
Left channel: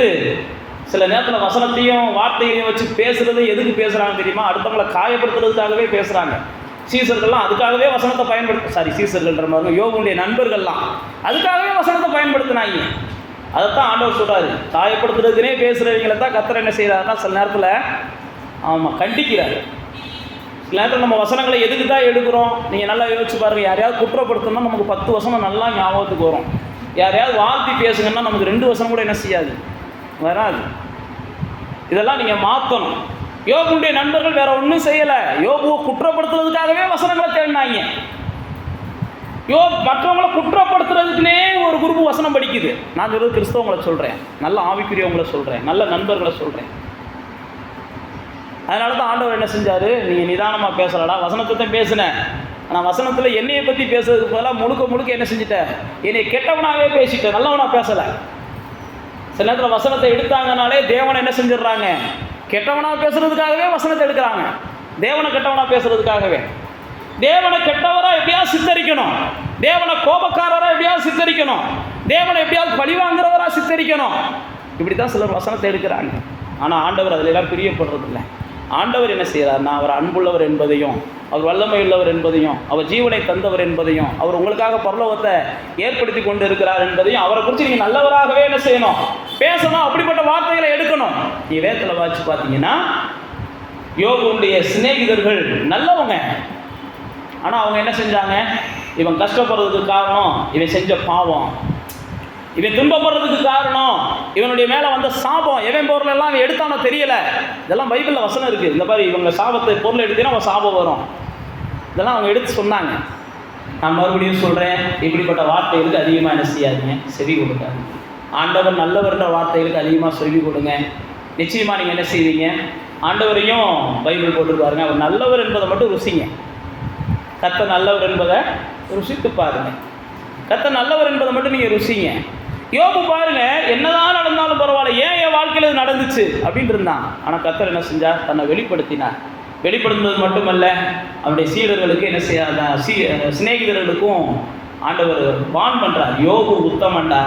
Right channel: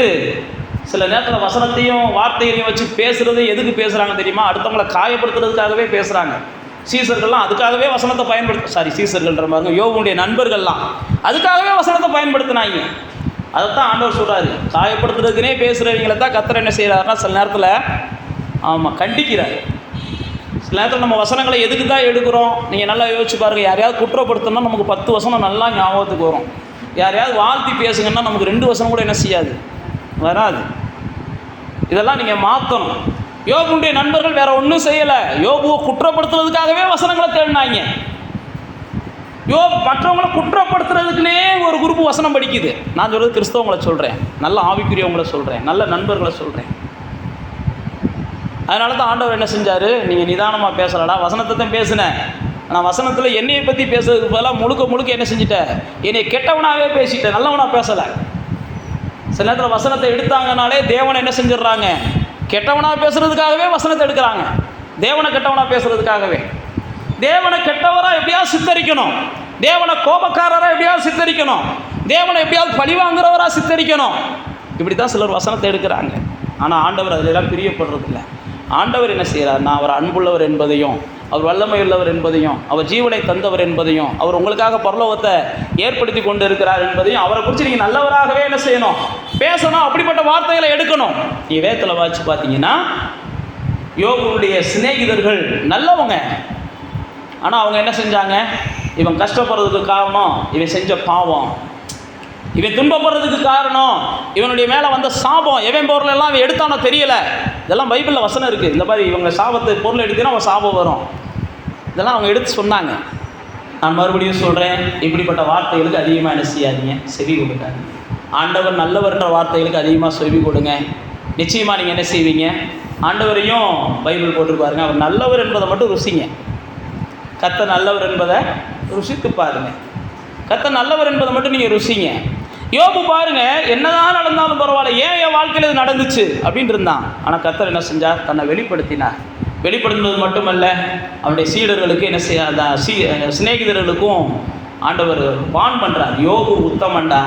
சில நேரத்தில் வசனத்தையும் வார்த்தைகளையும் வச்சு பேசுகிறது எதுக்கு பேசுகிறாங்க தெரியுமா? அடுத்தவங்களை காயப்படுத்துறதுக்காகவே பேசுகிறாங்க. சீசர்கள்லாம் அதுக்காகவே வசனத்தை சீசர்கள்ன்ற மாதிரி யோபுடைய நண்பர்கள்லாம் அதுக்காகவே வசனத்தை பயன்படுத்தினாங்க. அதைத்தான் ஆண்டவர் சொல்கிறாரு, காயப்படுத்துறதுக்குனே பேசுகிறவங்களை தான் கர்த்தர் என்ன செய்கிறாருன்னா சில நேரத்தில் கண்டிக்கிறார். சில நேரத்தில் நம்ம வசனங்களை எதுக்கு தான் எடுக்கிறோம்? நீங்கள் நல்லா யோசிச்சு பாருங்கள். யாரையாவது குற்றப்படுத்தணும்னா நமக்கு 10 வசனம் நல்லா ஞாபகத்துக்கு வரும். யாரையாவது வாழ்த்தி பேசுங்கன்னா நமக்கு 2 வசனம் கூட என்ன செய்யாது, வராது. இதெல்லாம் நீங்கள் மாற்றணும். யோபுடைய நண்பர்கள் வேற ஒன்றும் செய்யலை. யோபுவை குற்றப்படுத்துறதுக்காகவே வசனங்களை தேடினாங்க. மற்றவங்களை குற்றப்படுத்துறதுக்குனே ஒரு குரூப் வசனம் படிக்குது. நான் சொல்கிறது கிறிஸ்தவங்களை சொல்கிறேன், நல்ல ஆவிக்குரியவங்களை சொல்கிறேன், நல்ல நண்பர்களை சொல்கிறேன். அதனால தான் ஆண்டவர் என்ன செஞ்சார்? நீங்கள் நிதானமாக பேசலடா, வசனத்தை தான் பேசினேன். ஆனால் வசனத்தில் என்னையை பற்றி பேசுறதுக்கு பதிலாக முழுக்க என்ன செஞ்சுட்டேன்? என்னை கெட்டவனாகவே பேசிட்டேன், நல்லவனாக பேசலை. சில நேரத்தில் வசனத்தை எடுத்தாங்கனாலே தேவனை என்ன செஞ்சிடறாங்க? கெட்டவனாக பேசுறதுக்காகவே வசனத்தை எடுக்கிறாங்க. தேவனை கெட்டவனாக பேசுறதுக்காகவே. தேவனை கெட்டவராக எப்படியாவது சித்தரிக்கணும். தேவனை கோபக்காரராக எப்படியாவது சித்தரிக்கணும். தேவனை எப்படியாவது பழிவாங்குறவராக சித்தரிக்கணும். இப்படி தான் சிலர் வசனத்தை எடுக்கிறாங்க. ஆனால் ஆண்டவர் அதிலெல்லாம் பிரியப்படுறதில்லை. ஆண்டவர் என்ன செய்கிறார்னா, அவர் அன்புள்ளவர் என்பதையும், அவர் வல்லமை உள்ளவர் என்பதையும், அவர் ஜீவனை தந்தவர் என்பதையும், அவர் உங்களுக்காக பரலோகத்தை ஏற்படுத்தி கொண்டு இருக்கிறார் என்பதையும், அவரை குறித்து நீங்கள் நல்லவராகவே என்ன செய்யணும்? பேசணும். அப்படிப்பட்ட வார்த்தைகளை எடுக்கணும். நீ வேதத்தில் வாசிச்சு பார்த்தீங்கன்னா, யோபுடைய சிநேகிதர்கள் நல்லவங்க. ஆனால் அவங்க என்ன செஞ்சாங்க? இவன் கஷ்டப்படுறதுக்கு காரணம் இவன் செஞ்ச பாவம், இவன் துன்பப்படுறதுக்கு காரணம் இவனுடைய மேலே வந்த சாபம், எவன் பொருளெல்லாம் அவன் எடுத்தானோ தெரியலை. இதெல்லாம் பைபிளில் வசனம் இருக்குது. இந்த மாதிரி இவங்க சாபத்தை பொருள் எடுத்தீங்கன்னா அவன் சாபம் வரும். இதெல்லாம் அவங்க எடுத்து சொன்னாங்க. நான் மறுபடியும் சொல்கிறேன், இப்படிப்பட்ட வார்த்தைகளுக்கு அதிகமாக என்ன செய்யாதீங்க? செவி கொடுக்காது. ஆண்டவர் நல்லவர்ன்ற வார்த்தைகளுக்கு அதிகமாக செவி கொடுங்க. நிச்சயமாக நீங்கள் என்ன செய்வீங்க? ஆண்டவரையும் பைபிள் போட்டுருப்பாருங்க, அவர் நல்லவர் என்பதை மட்டும் ருசிங்க. கர்த்தர் நல்லவர் என்பதை ருசித்து பாருங்க. கர்த்தர் நல்லவர் என்பதை மட்டும் நீங்கள் ருசிங்க. யோபு பாருங்க, என்னதான் நடந்தாலும் பரவாயில்ல, ஏன் என் வாழ்க்கையில் இது நடந்துச்சு அப்படின்ட்டு இருந்தான். ஆனால் கர்த்தர் என்ன செஞ்சார்? தன்னை வெளிப்படுத்தினார். வெளிப்படுத்தினது மட்டுமல்ல, அவனுடைய சீடர்களுக்கு என்ன செய்ய சிநேகிதர்களுக்கும் ஆண்டவர் வான் பண்ணுறார். யோபு உத்தமண்டா,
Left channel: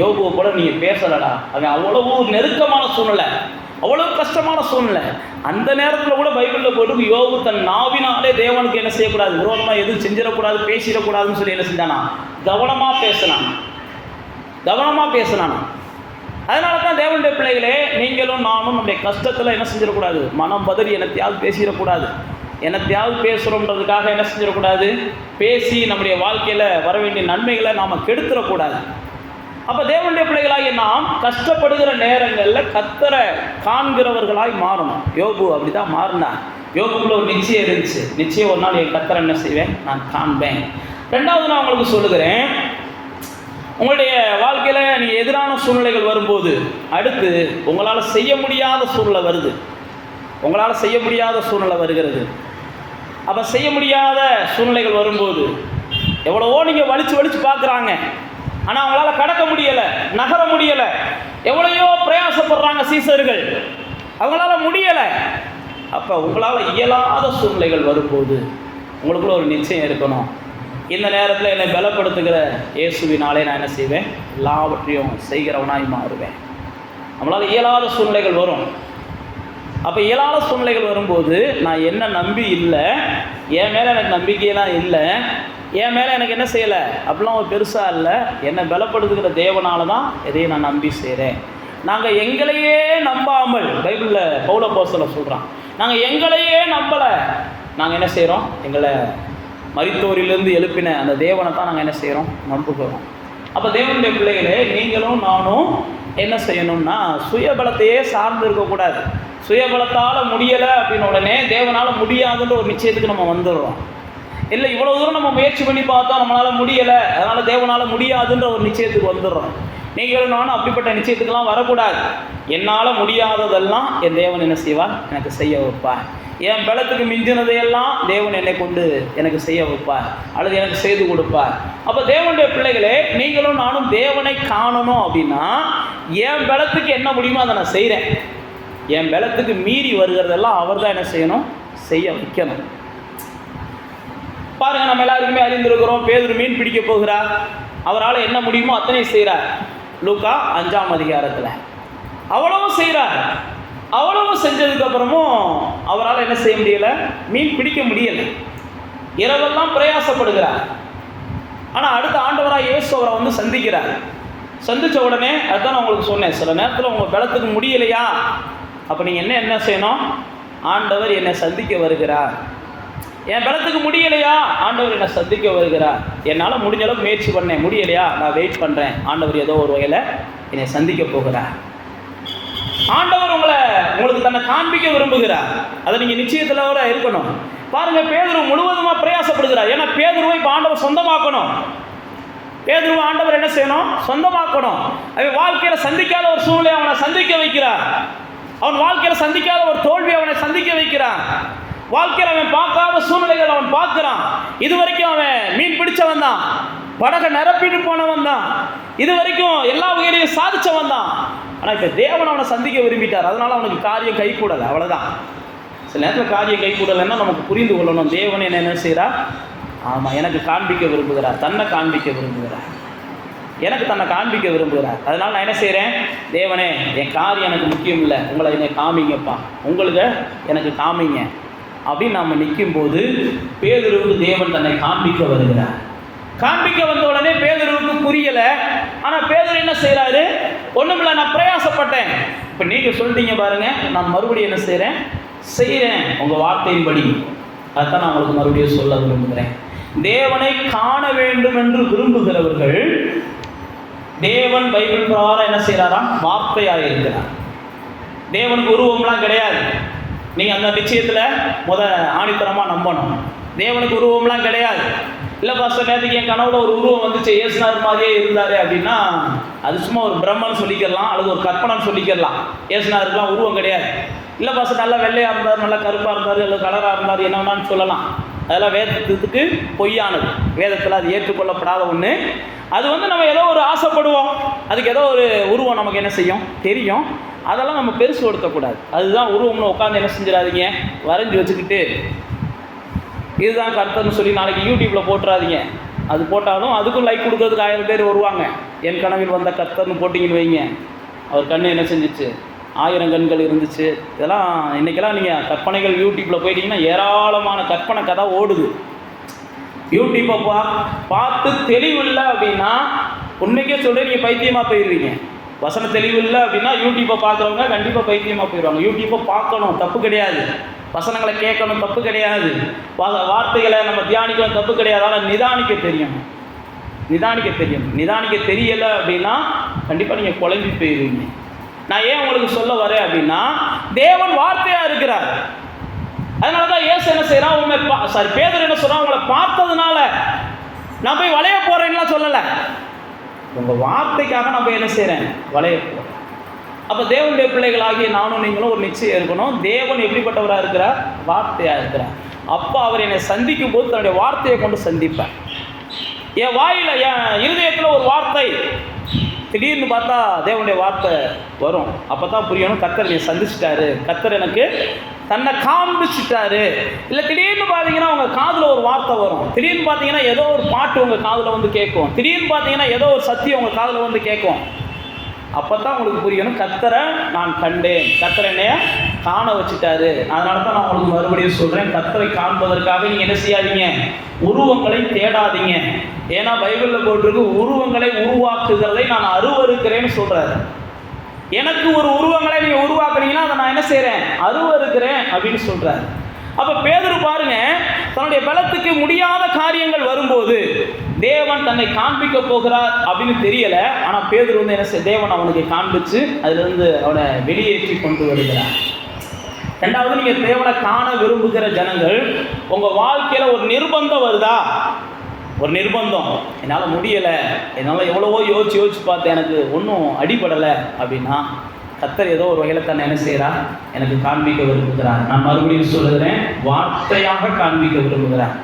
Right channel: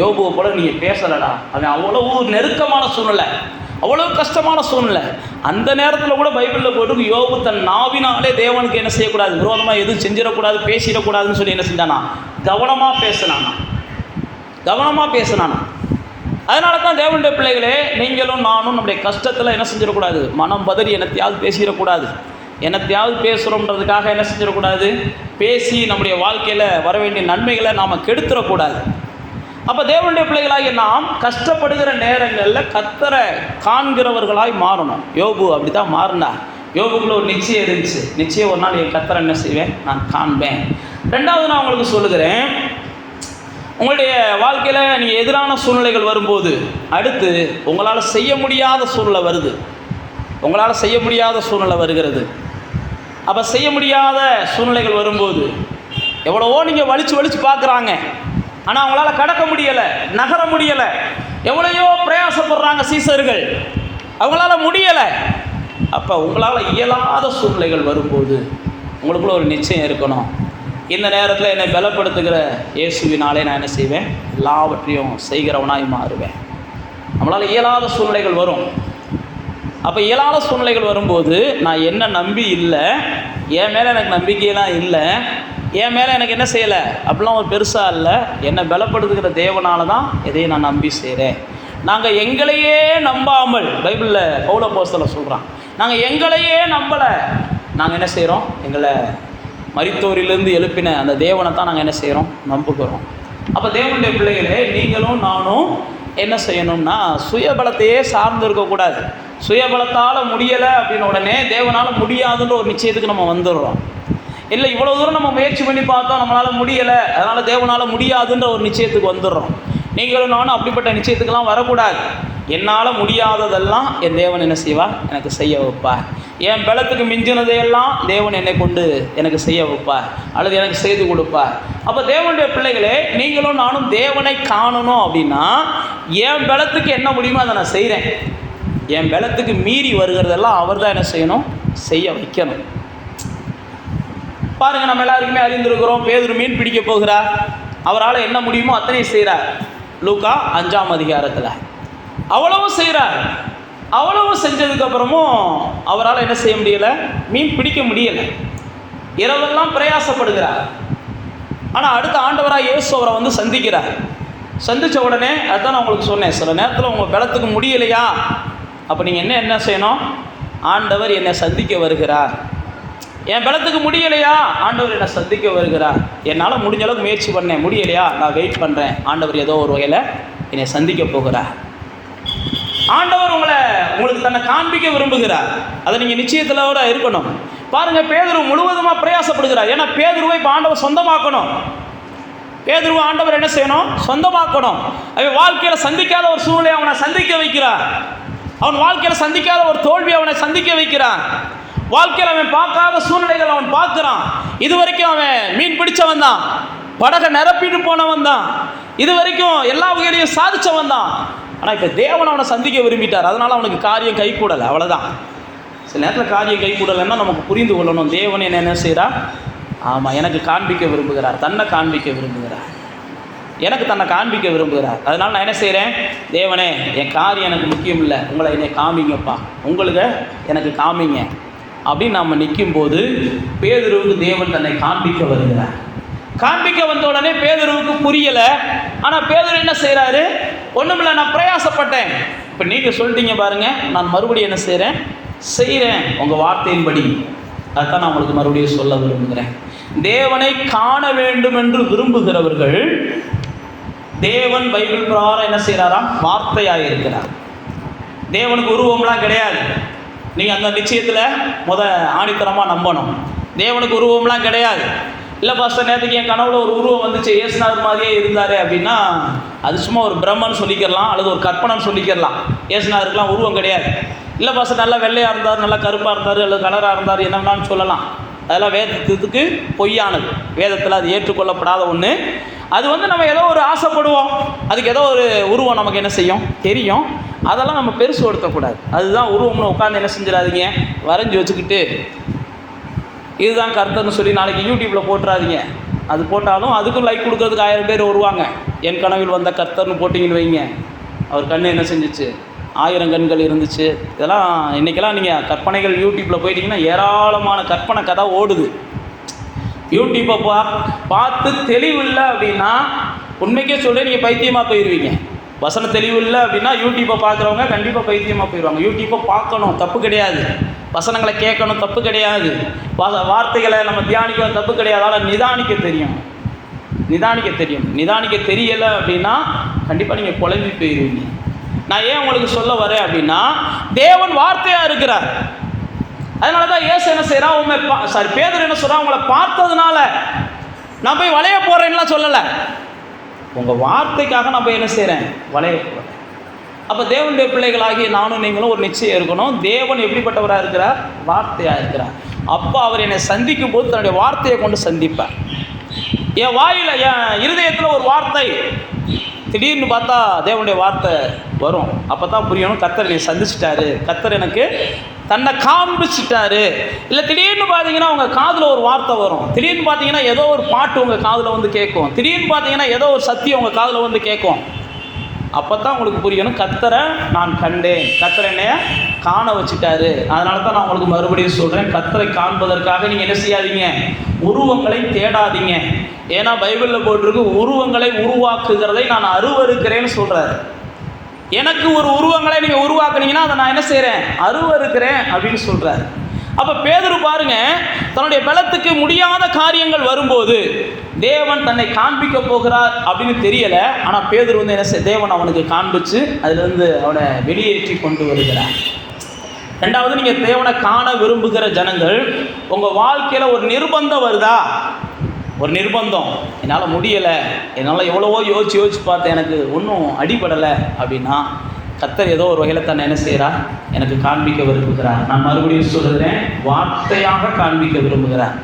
யோபுவை போல நீங்கள் பேசலடா. அவன் அவ்வளவு நெருக்கமான சூழ்நிலை, அவ்வளோ கஷ்டமான சூழ்நிலை. அந்த நேரத்தில் கூட பைபிளில் போட்டு யோபு தன் நாவினாலே தேவனுக்கு என்ன செய்யக்கூடாது? விரோதமாக எதுவும் செஞ்சிடக்கூடாது, பேசிடக்கூடாதுன்னு சொல்லி என்ன செஞ்சானா? கவனமாக பேசினான். அதனால தான் தேவனுடைய பிள்ளைகளே, நீங்களும் நானும் நம்முடைய கஷ்டத்தில் என்ன செஞ்சிடக்கூடாது? மனம் பதறி என்னத்தையாவது பேசிடக்கூடாது. என்னத்தையாவது பேசுகிறோன்றதுக்காக என்ன செஞ்சிடக்கூடாது? பேசி நம்முடைய வாழ்க்கையில் வர வேண்டிய நன்மைகளை நாம் கெடுத்துடக்கூடாது. அப்போ தேவனுடைய பிள்ளைகளாகி நாம் கஷ்டப்படுகிற நேரங்களில் கர்த்தரை காண்கிறவர்களாய் மாறணும். யோபு அப்படி தான் மாறினார். யோபுக்குள்ள ஒரு நிச்சயம் இருந்துச்சு. நிச்சயம் ஒரு நாள் என் கர்த்தரை என்ன செய்வேன்? நான் காண்பேன். ரெண்டாவது நான் உங்களுக்கு சொல்லுகிறேன், உங்களுடைய வாழ்க்கையில் நீங்கள் எதிரான சூழ்நிலைகள் வரும்போது, அடுத்து உங்களால் செய்ய முடியாத சூழ்நிலை வருது. உங்களால் செய்ய முடியாத சூழ்நிலை வருகிறது. அப்போ செய்ய முடியாத சூழ்நிலைகள் வரும்போது எவ்வளவோ நீங்கள் வலிச்சு பார்க்குறாங்க, ஆனால் அவங்களால கடக்க முடியலை, நகர முடியலை. எவ்வளையோ பிரயாசப்படுறாங்க சீசர்கள், அவங்களால முடியலை. அப்போ உங்களால் இயலாத சூழ்நிலைகள் வரும்போது உங்களுக்குள்ள ஒரு நிச்சயம் இருக்கணும். இந்த நேரத்தில் என்னை பலப்படுத்துகிற இயேசுவினாலே நான் என்ன செய்வேன்? எல்லாவற்றையும் செய்கிறவனாய் மாறுவேன். நம்மளால் இயலாத சூழ்நிலைகள் வரும். அப்போ இயலாத சூழ்நிலைகள் வரும்போது நான் என்ன நம்பி இல்லை, என் மேலே எனக்கு நம்பிக்கையெல்லாம் இல்லை, என் மேலே எனக்கு என்ன செய்யலை அப்படிலாம் ஒரு பெருசாக இல்லை, என்னை பலப்படுத்துகிற தேவனால தான் எதையும் நான் நம்பி செய்கிறேன். நாங்கள் எங்களையே நம்பாமல், பைபிளில் பவுல் அப்போஸ்தலன் சொல்கிறான், நாங்கள் எங்களையே நம்பலை, நாங்கள் என்ன செய்கிறோம்? எங்களை மரித்தோரிலிருந்து எழுப்பின அந்த தேவனை தான் நாங்கள் என்ன செய்கிறோம்? நம்புகிறோம். அப்போ தேவனுடைய பிள்ளைகளே, நீங்களும் நானும் என்ன செய்யணும்னா சுயபலத்தையே சார்ந்து இருக்கக்கூடாது. சுயபலத்தால் முடியலை அப்படின்னு உடனே தேவனால் முடியாதுன்ற ஒரு நிச்சயத்துக்கு நம்ம வந்துடுறோம். இல்லை, இவ்வளோ தூரம் நம்ம முயற்சி பண்ணி பார்த்தோம், நம்மளால் முடியலை, அதனால் தேவனால் முடியாதுன்ற ஒரு நிச்சயத்துக்கு வந்துடுறோம். நீங்களும் நானும் அப்படிப்பட்ட நிச்சயத்துக்கெல்லாம் வரக்கூடாது. என்னால் முடியாததெல்லாம் என் தேவன் என்ன செய்வார்? எனக்கு செய்ய வைப்பார். என் பலத்துக்கு மிஞ்சினதையெல்லாம் தேவன் என்னை கொண்டு எனக்கு செய்ய வைப்பார், அல்லது எனக்கு செய்து கொடுப்பார். அப்போ தேவனுடைய பிள்ளைகளே, நீங்களும் நானும் தேவனை காணணும் அப்படின்னா என் பலத்துக்கு என்ன முடியுமோ அதை நான் செய்கிறேன். என் பலத்துக்கு மீறி வருகிறதெல்லாம் அவர் தான் என்ன செய்யணும்? செய்ய வைக்கணும். பாருங்கள், நம்ம எல்லாருக்குமே அறிந்திருக்கிறோம், பேதுரு மீன் பிடிக்க போகிறார். அவரால் என்ன முடியுமோ அத்தனை செய்கிறார். லூக்கா 5ஆம் அதிகாரத்தில் அவ்வளவும் செய்கிறார். அவ்வளவு செஞ்சதுக்கப்புறமும் அவரால் என்ன செய்ய முடியலை? மீன் பிடிக்க முடியலை. இரவெல்லாம் பிரயாசப்படுகிறார். ஆனால் அடுத்த ஆண்டவராக இயேசு அவரை வந்து சந்திக்கிறார். சந்தித்த உடனே அதுதான் நான் உங்களுக்கு சொன்னேன், சில நேரத்தில் உங்கள் பலத்துக்கு முடியலையா, அப்போ நீங்கள் என்ன செய்யணும்? ஆண்டவர் என்னை சந்திக்க வருகிறார். என் பலத்துக்கு முடியலையா, ஆண்டவர் என்னை சந்திக்க வருகிறார். என்னால் முடிஞ்ச அளவுக்கு முயற்சி பண்ணேன், முடியலையா, நான் வெயிட் பண்ணுறேன், ஆண்டவர் ஏதோ ஒரு வகையில் என்னை சந்திக்க போகிறார். ஆண்டவர் உங்களுக்கு தன்னை காண்பிக்க விரும்புகிறார். அதை நீங்கள் நிச்சயத்திலோட இருக்கணும். பாருங்கள், பேதுரு முழுவதுமாக பிரயாசப்படுகிறார். ஏன்னா பேதுருவை இப்போ ஆண்டவர் சொந்தமாக்கணும். பேதுருவை ஆண்டவர் என்ன செய்யணும்? சொந்தமாக்கணும். அவன் வாழ்க்கையில் சந்திக்காத ஒரு சூழ்நிலை அவனை சந்திக்க வைக்கிறார். அவன் வாழ்க்கையில் சந்திக்காத ஒரு தோல்வி அவனை சந்திக்க வைக்கிறான். வாழ்க்கையில் அவன் பார்க்காத சூழ்நிலைகள் அவன் பார்க்குறான். இது வரைக்கும் அவன் மீன் பிடிச்சவன் தான், படகை நிரப்பிட்டு போனவன் தான், இது வரைக்கும் எல்லா வகையிலையும் சாதிச்சவன் தான். ஆனால் இப்போ தேவன் அவனை சந்திக்க விரும்பிட்டார். அதனால் அவனுக்கு காரியம் கை கூடலை, அவ்வளோதான். சில நேரத்தில் காரியம் கை கூடலைன்னா நமக்கு புரிந்து கொள்ளணும், தேவன் என்ன செய்கிறார்? ஆமாம், எனக்கு காண்பிக்க விரும்புகிறார், தன்னை காண்பிக்க விரும்புகிறார், எனக்கு தன்னை காண்பிக்க விரும்புகிறார். அதனால் நான் என்ன செய்கிறேன்? தேவனே, என் காரியம் எனக்கு முக்கியம் இல்லை, உங்களை என்னை காமிங்கப்பா, உங்களுக்கு எனக்கு காமிங்க அப்படின்னு நம்ம நிற்கும்போது பேதுருவுக்கு தேவன் தன்னை காண்பிக்க வருகிறார். காண்பிக்க வந்த உடனே பேதுருவுக்கு புரியலை. ஆனால் பேதுரு என்ன செய்கிறாரு? ஒன்றுமில்லை, நான் பிரயாசப்பட்டேன். இப்போ நீங்கள் சொல்லிட்டீங்க பாருங்கள், நான் மறுபடியும் என்ன செய்கிறேன் உங்கள் வார்த்தையின்படி. அதுதான் நான் உங்களுக்கு மறுபடியும் சொல்ல விரும்புகிறேன். தேவனை காண வேண்டும் என்று விரும்புகிறவர்கள் தேவன் பைபிள் பிரகாரம் என்ன செய்கிறாராம்? வார்த்தையாக இருக்கிறார். தேவனுக்கு உருவம்லாம் கிடையாது. நீங்கள் அந்த நிச்சயத்தில் ஆணித்தரமாக நம்பணும். தேவனுக்கு உருவம்லாம் கிடையாது. இல்லை பாஸ்டர், நேற்றுக்கு என் கனவுல ஒரு உருவம் வந்துச்சு, இயேசுநாதர் மாதிரியே இருந்தார் அப்படின்னா அது சும்மா ஒரு பிரம்மன்னு சொல்லிக்கிறலாம், அல்லது ஒரு கற்பனைன்னு சொல்லிக்கிறலாம். இயேசுநாதருக்குலாம் உருவம் கிடையாது. இல்லை பாஸ்டர், நல்லா வெள்ளையாக இருந்தார், நல்லா கருப்பாக இருந்தார், அல்லது கலராக இருந்தார், என்னென்னு சொல்லலாம். அதெல்லாம் வேதத்துக்கு பொய்யானது. வேதத்தில் அது ஏற்றுக்கொள்ளப்படாத ஒன்று. அது நம்ம ஏதோ ஒரு ஆசைப்படுவோம், அதுக்கு ஏதோ ஒரு உருவம் நமக்கு என்ன செய்யும் தெரியும், அதெல்லாம் நம்ம பெருசுப்படுத்தக்கூடாது. அதுதான் உருவம்னு உட்காந்து என்ன செஞ்சிடாதீங்க, வரைஞ்சி வச்சுக்கிட்டு இதுதான் கர்த்தர்னு சொல்லி நாளைக்கு யூடியூப்பில் போட்டுறாதீங்க. அது போட்டாலும் அதுக்கும் லைக் கொடுக்கறதுக்கு 1000 பேர் வருவாங்க. என் கனவில் வந்த கர்த்தர்னு போட்டிங்கன்னு வைங்க, அவர் கண்ணு என்ன செஞ்சிச்சு? 1000 கண்கள் இருந்துச்சு. இதெல்லாம் இன்றைக்கெல்லாம் நீங்கள் கற்பனைகள் யூடியூப்பில் போயிட்டீங்கன்னா ஏராளமான கற்பனை கதை ஓடுது. யூடியூப்பை பார்த்து தெளிவு இல்லை அப்படின்னா உண்மைக்கே சொல்ல நீங்கள் பைத்தியமாக போயிடுவீங்க. வசன தெளிவு இல்லை அப்படின்னா யூடியூப்பை பார்க்குறவங்க கண்டிப்பாக பைத்தியமாக போயிடுவாங்க. யூடியூப்பை பார்க்கணும், தப்பு கிடையாது. வசனங்களை கேட்கணும், தப்பு கிடையாது. வார்த்தைகளை நம்ம தியானிக்கணும், தப்பு கிடையாது. ஆனால் நிதானிக்க தெரியும். நிதானிக்க தெரியலை அப்படின்னா கண்டிப்பாக நீங்கள் குழம்பி போயிடுவீங்க. நான் ஏன் உங்களுக்கு சொல்ல வரேன் அப்படின்னா, தேவன் வார்த்தையாக இருக்கிறார். அதனால தான் இயேசு என்ன செய்கிறான்? பேதுரு என்ன சொல்கிறான்? உங்களை பார்த்ததுனால நான் போய் வளைய போகிறேன்லாம் சொல்லலை. உங்கள் வார்த்தைக்காக நான் போய் என்ன செய்கிறேன்? வளைய போகிறேன். அப்போ தேவனுடைய பிள்ளைகளாகிய நானும் நீங்களும் ஒரு நிச்சயம் இருக்கணும். தேவன் எப்படிப்பட்டவராக இருக்கிறார்? வார்த்தையாக இருக்கிறார். அப்போ அவர் என்னை சந்திக்கும் போது தன்னுடைய வார்த்தையை கொண்டு சந்திப்பார். என் வாயில், என் இருதயத்தில் ஒரு வார்த்தை திடீர்னு பார்த்தா தேவனுடைய வார்த்தை வரும். அப்போ தான் புரியணும், கர்த்தர் என்னை சந்திச்சிட்டாரு, கர்த்தர் எனக்கு தன்னை காண்பிச்சிட்டாரு. இல்லை திடீர்னு பார்த்தீங்கன்னா உங்கள் காதில் ஒரு வார்த்தை வரும், திடீர்னு பார்த்தீங்கன்னா ஏதோ ஒரு பாட்டு உங்கள் காதில் வந்து கேட்கும், திடீர்னு பார்த்தீங்கன்னா ஏதோ ஒரு சத்தியம் உங்கள் காதில் வந்து கேட்கும். அப்போ தான் உங்களுக்கு புரியணும், கர்த்தரை நான் கண்டேன், கர்த்தரை என்னைய காண வச்சுட்டாரு. அதனால தான் நான் உங்களுக்கு மறுபடியும் சொல்கிறேன், கர்த்தரை காண்பதற்காக நீங்கள் என்ன செய்யாதீங்க, உருவங்களை தேடாதீங்க. ஏன்னா பைபிளில் போட்டிருக்கு, உருவங்களை உருவாக்குகிறதை நான் அருவருக்கிறேன்னு சொல்கிறாரு. எனக்கு ஒரு உருவங்களை நீங்கள் உருவாக்குனீங்கன்னா அதை நான் என்ன செய்கிறேன், அருவருக்கிறேன் அப்படின்னு சொல்கிறார். அப்போ பேதுரு பாருங்க, தன்னுடைய பலத்துக்கு முடியாத காரியங்கள் வரும்போது தேவன் தன்னை காண்பிக்க போகிறார் அப்படின்னு தெரியலை. ஆனால் பேதுரு வந்து என்ன தேவன் அவனுக்கு காண்பிச்சு அதிலிருந்து அவனை வெளியேற்றி கொண்டு வருகிறார். ரெண்டாவது, நீங்கள் தேவனை காண விரும்புகிற ஜனங்கள், உங்கள் வாழ்க்கையில் ஒரு நிர்பந்தம் வருதா, ஒரு நிர்பந்தம், என்னால் முடியலை, என்னால் எவ்வளவோ யோசிச்சு பார்த்தேன், எனக்கு ஒன்றும் அடிபடலை அப்படின்னா கர்த்தர் ஏதோ ஒரு வகையில் தன்னை என்ன செய்கிறார், எனக்கு காண்பிக்க விரும்புகிறார். நான் மறுபடியும் சொல்லுகிறேன், வார்த்தையாக காண்பிக்க விரும்புகிறார்.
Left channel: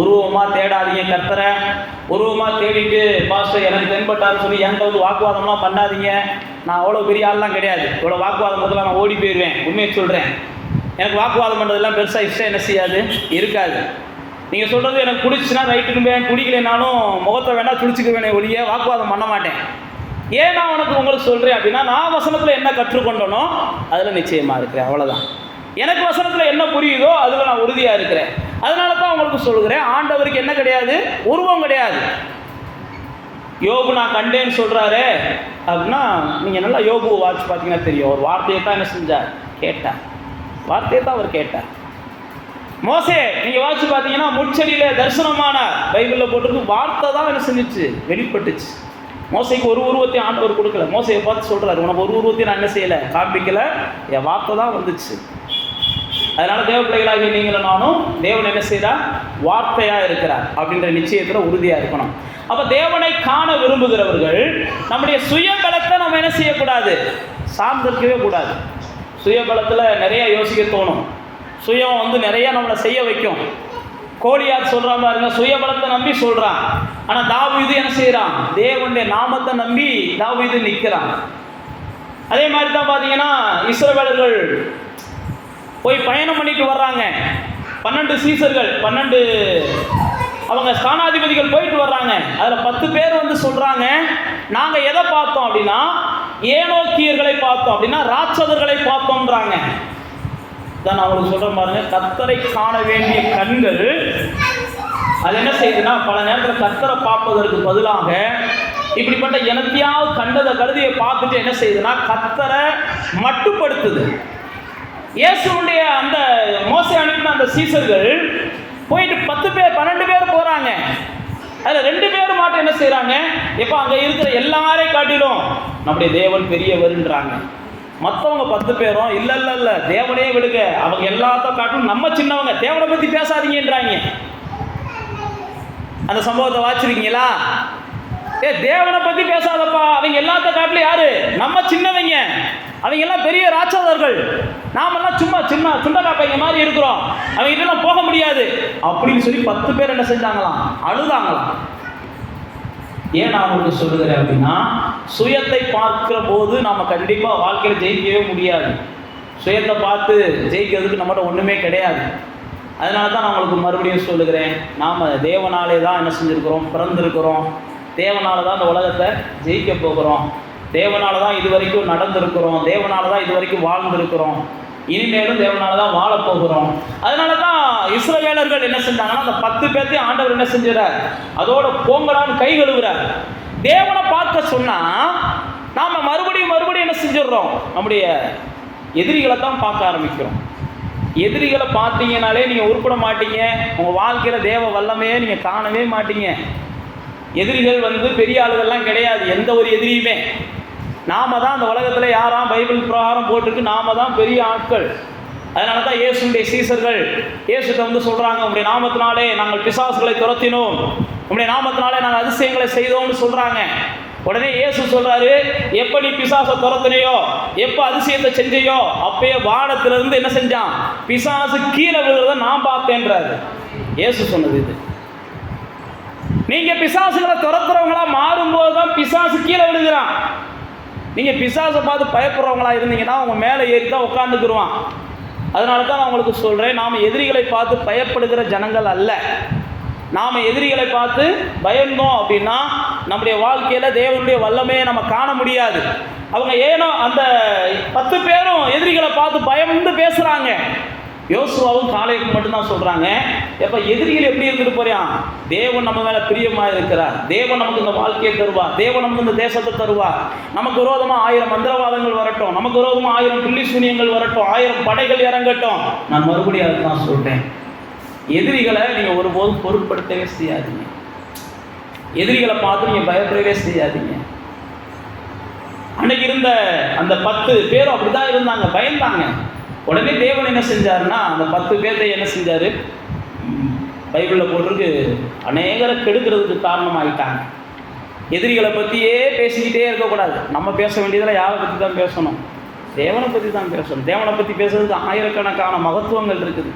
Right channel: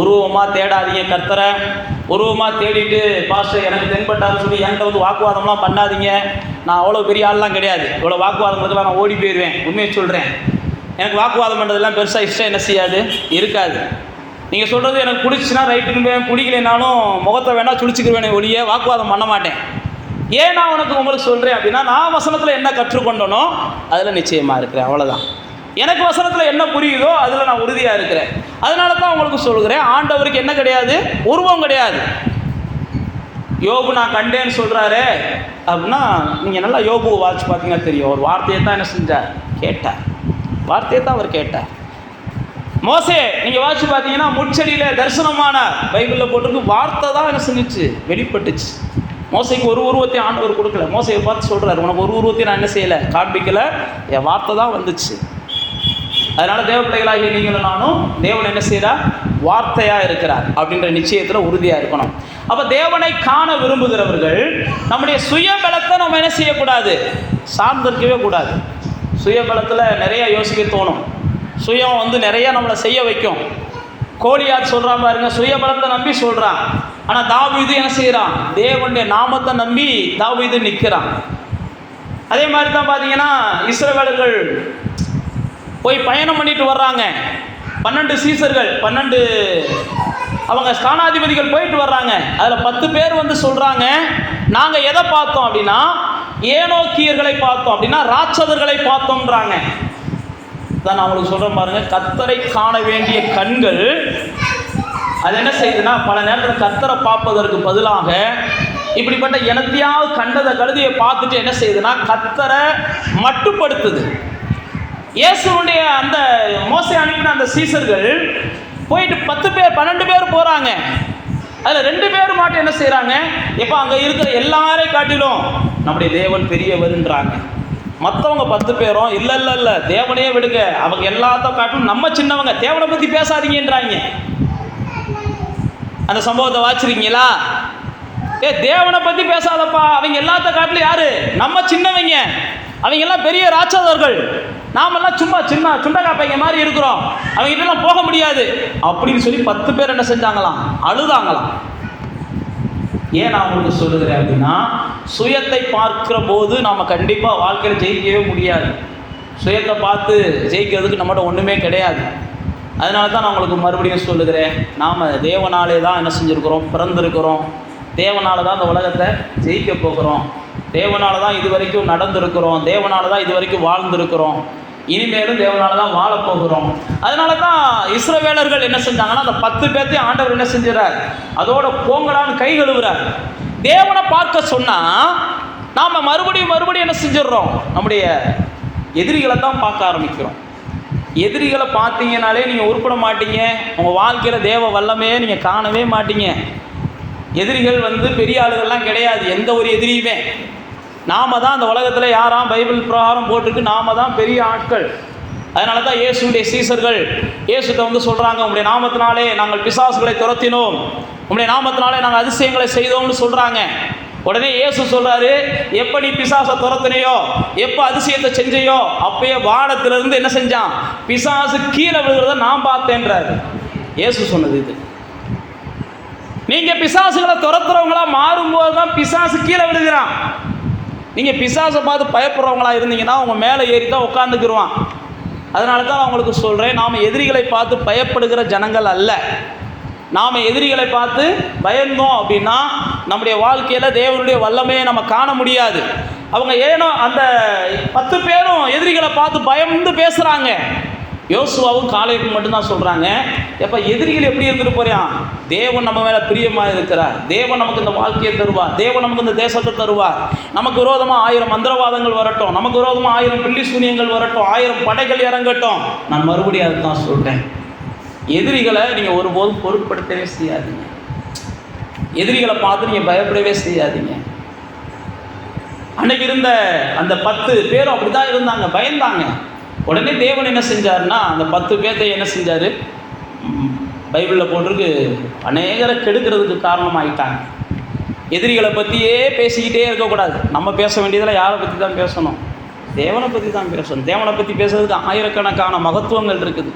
உருவமாக தேடாதீங்க கர்த்தரை. உருவமாக தேடிட்டு பாஸ்டர் எனக்கு தென்பட்டார்னு சொல்லி என்கிட்ட வந்து வாக்குவாதம்லாம் பண்ணாதீங்க. நான் அவ்வளோ பெரிய ஆள்லாம் கிடையாது, இவ்வளோ வாக்குவாதம் பண்ணுறதுலாம் நான் ஓடி போயிடுவேன். உண்மையை சொல்கிறேன், எனக்கு வாக்குவாதம் பண்ணுறதுலாம் பெருசாக இஷ்டம் என்ன செய்யாது, இருக்காது. நீங்கள் சொல்கிறது எனக்கு பிடிச்சின்னா ரைட்டுன்னு, பிடிக்கலைனாலும் முகத்தை வேணால் சுழிச்சிக்கிருவேனே ஒழிய வாக்குவாதம் பண்ண மாட்டேன். ஏன் நான் உங்களுக்கு சொல்கிறேன் அப்படின்னா, நான் வசனத்தில் என்ன கற்றுக்கொண்டனோ அதில் நிச்சயமாக இருக்கிறேன், அவ்வளோதான். எனக்கு வசனத்தில் என்ன புரியுதோ அதில் நான் உறுதியாக இருக்கிறேன். அதனால தான் உங்களுக்கு சொல்கிறேன், ஆண்டவருக்கு என்ன கிடையாது, உருவம் கிடையாது. யோபு நான் கண்டேன்னு சொல்கிறாரு அப்படின்னா, நீங்கள் நல்லா யோபு வாட்சி பார்த்தீங்கன்னா தெரியும், ஒரு வார்த்தையை தான் என்ன செஞ்சார், கேட்டார், வார்த்தையை தான் அவர் கேட்டார். மோசே நீங்கள் வாட்சி பார்த்தீங்கன்னா முட்செடியில் தரிசனமான, பைபிளில் போட்டிருக்கு, வார்த்தை தான் என்ன செஞ்சிச்சு, வெளிப்பட்டுச்சு. மோசைக்கு ஒரு உருவத்தை ஆண்டவர் கொடுக்கல. மோசையை பார்த்து சொல்கிறார், உனக்கு ஒரு உருவத்தையும் நான் என்ன செய்யலை, காண்பிக்கலை, என் வார்த்தை தான் வந்துச்சு. அதனால் தேவ பிள்ளைகளாகிய நீங்களும் நானும் தேவன் என்ன செய்கிறார், வார்த்தையாக இருக்கிறார் அப்படின்ற நிச்சயத்தில் உறுதியாக இருக்கணும். அப்போ தேவனை காண விரும்புகிறவர்கள் நம்முடைய சுயபலத்தை நம்ம என்ன செய்யக்கூடாது, சார்ந்திருக்கவே கூடாது. சுயபலத்தில் நிறைய யோசிக்க தோணும், சுயம் வந்து நிறைய நம்மளை செய்ய வைக்கும். கோலியாத் சொல்கிறான் பாருங்க, சுயபலத்தை நம்பி சொல்கிறான். ஆனால் தாவீது என்ன செய்கிறான், தேவனுடைய நாமத்தை நம்பி தாவீது நிற்கிறான். அதே மாதிரி தான் பார்த்தீங்கன்னா இஸ்ரவேலர்கள் போய் பயணம் பண்ணிட்டு வர்றாங்க. 12 சீசர்கள், 12 அவங்க ஸ்தானாதிபதிகள் போயிட்டு வர்றாங்க. அதில் 10 பேர் வந்து சொல்கிறாங்க, நாங்கள் எதை பார்த்தோம் அப்படின்னா ஏனோக்கியர்களை பார்த்தோம், அப்படின்னா ராட்சதர்களை பார்த்தோம்ன்றாங்க. தான் அவங்களுக்கு சொல்கிறேன் பாருங்க, கர்த்தரை காண வேண்டிய கண்கள் அது என்ன செய்யுதுன்னா, பல நேரத்தில் கர்த்தரை பார்ப்பதற்கு பதிலாக இப்படிப்பட்ட எனத்தையாவது கண்டதை கழுதியை பார்த்துட்டு என்ன செய்யுதுன்னா கர்த்தரை மட்டுப்படுத்துது. இயேசுனுடைய அந்த மோசே அனுப்பின அந்த சீசர்கள் போயிட்டு 10 பேர் 12 பேர் போகிறாங்க. அதில் 2 பேர் மட்டும் என்ன செய்கிறாங்க, எப்போ அங்கே இருக்கிற எல்லாரையும் காட்டிலும் நம்முடைய தேவன் பெரியவர்ன்றாங்க. மற்றவங்க 10 பேரும் இல்லை இல்லை இல்லை தேவனையே விடுங்க, அவங்க எல்லாத்தையும் காட்டிலும் நம்ம சின்னவங்க, தேவனை பற்றி பேசாதீங்கன்றாங்க. அந்த சம்பவத்தை வாச்சிருக்கீங்களா? தேவனை பற்றி பேசாதப்பா, அவங்க எல்லாத்த காட்டிலும் யாரு, நம்ம சின்னவங்க, அவங்க எல்லாம் பெரிய ராட்சதர்கள், நாமெல்லாம் சும்மா சின்ன சுண்டக்காப்பைங்க மாதிரி இருக்கிறோம், அவங்க கிட்டலாம் போக முடியாது அப்படின்னு சொல்லி 10 பேர் என்ன செஞ்சாங்களாம், அழுதாங்களாம். ஏன் நான் உங்களுக்கு சொல்லுகிறேன் அப்படின்னா, சுயத்தை பார்க்கிற போது நாம் கண்டிப்பாக வாழ்க்கையில் ஜெயிக்கவே முடியாது. சுயத்தை பார்த்து ஜெயிக்கிறதுக்கு நம்மகிட்ட ஒன்றுமே கிடையாது. அதனால தான் நான் உங்களுக்கு மறுபடியும் சொல்லுகிறேன், நாம் தேவனாலே தான் என்ன செஞ்சுருக்கிறோம், பிறந்திருக்கிறோம். தேவனால தான் இந்த உலகத்தை ஜெயிக்க போகிறோம். தேவனால தான் இது வரைக்கும் நடந்திருக்கிறோம். தேவனால தான் இது வரைக்கும் வாழ்ந்திருக்கிறோம். இனிமேலும் தேவனால தான் வாழப்போகிறோம். அதனால தான் இஸ்ரவேலர்கள் என்ன செஞ்சாங்கன்னா, அந்த 10 பேர்த்தையும் ஆண்டவர் என்ன செஞ்சுறார், அதோட போங்கடான்னு கை கழுவுறார். தேவனை பார்க்க சொன்னால் நாம் மறுபடியும் என்ன செஞ்சிடறோம், நம்முடைய எதிரிகளை தான் பார்க்க ஆரம்பிக்கிறோம். எதிரிகளை பார்த்தீங்கனாலே நீங்கள் உருப்பட மாட்டீங்க. உங்கள் வாழ்க்கையில் தேவ வல்லமையே நீங்கள் காணவே மாட்டீங்க. எதிரிகள் வந்து பெரிய ஆளுகள்லாம் கிடையாது, எந்த ஒரு எதிரியுமே. நாம தான் அந்த உலகத்தில் யாராம் பைபிள் பிரகாரம் போட்டிருக்கு, நாம தான் பெரிய ஆட்கள். அதனால தான் இயேசுடைய சீசர்கள் இயேசுட்ட வந்து சொல்கிறாங்க, உங்களுடைய நாமத்தினாலே நாங்கள் பிசாசுகளை துரத்தினோம், உங்களுடைய நாமத்தினாலே நாங்கள் அதிசயங்களை செய்தோம்னு சொல்கிறாங்க. உடனே இயேசு சொல்கிறாரு, எப்போ நீ பிசாசை துரத்தினையோ, எப்போ அதிசயத்தை செஞ்சையோ, அப்பயே வானத்திலிருந்து என்ன செஞ்சான், பிசாசு கீழே விழுகிறத நான் பார்த்தேன்றாரு. இயேசு சொன்னது இது. நீங்கள் பிசாசுகளை துரத்துறவங்களா மாறும்போது தான் பிசாசு கீழே விழுகிறான். நீங்கள் பிசாசை பார்த்து பயப்படுறவங்களா இருந்தீங்கன்னா உங்கள் மேலே ஏறி தான் உட்காந்துக்குருவான். அதனால தான் நான் உங்களுக்கு சொல்கிறேன், நாம் எதிரிகளை பார்த்து பயப்படுகிற ஜனங்கள் அல்ல. நாம் எதிரிகளை பார்த்து பயந்தோம் அப்படின்னா நம்முடைய வாழ்க்கையில் தேவனுடைய வல்லமையை நம்ம காண முடியாது. அவங்க ஏனோ அந்த 10 பேரும் எதிரிகளை பார்த்து பயந்து பேசுகிறாங்க. யோசுவாவும் காலேபும் மட்டும்தான் சொல்கிறாங்க, எப்போ எதிரிகள் எப்படி இருந்துட்டு போகிறான், தேவன் நம்ம மேலே பிரியமாக இருக்கிறார், தேவன் நமக்கு இந்த வாழ்க்கையை தருவார், தேவன் நமக்கு இந்த தேசத்தை தருவார், நமக்கு விரோதமாக 1000 மந்திரவாதங்கள் வரட்டும், நமக்கு விரோதமாக 1000 பில்லி சூனியங்கள் வரட்டும், 1000 படைகள் இறங்கட்டும். நான் மறுபடியும் அதை தான் சொல்கிறேன், எதிரிகளை நீங்கள் ஒருபோதும் பொருட்படுத்தவே செய்யாதீங்க. எதிரிகளை பார்த்து நீங்கள் பயப்படவே செய்யாதீங்க. அன்னைக்கு இருந்த அந்த 10 பேரும் அப்படி தான் இருந்தாங்க, பயந்தாங்க. உடனே தேவன் என்ன செஞ்சார்னா, அந்த 10 பேர்த்தை என்ன செஞ்சார், பைபிளில் போட்டிருக்கு, அநேகரை கெடுக்கிறதுக்கு காரணமாயிட்டாங்க. எதிரிகளை பற்றியே பேசிக்கிட்டே இருக்கக்கூடாது. நம்ம பேச வேண்டியதில் யாரை பற்றி தான் பேசணும், தேவனை பற்றி தான் பேசணும். தேவனை பற்றி பேசுறதுக்கு ஆயிரக்கணக்கான மகத்துவங்கள் இருக்குது.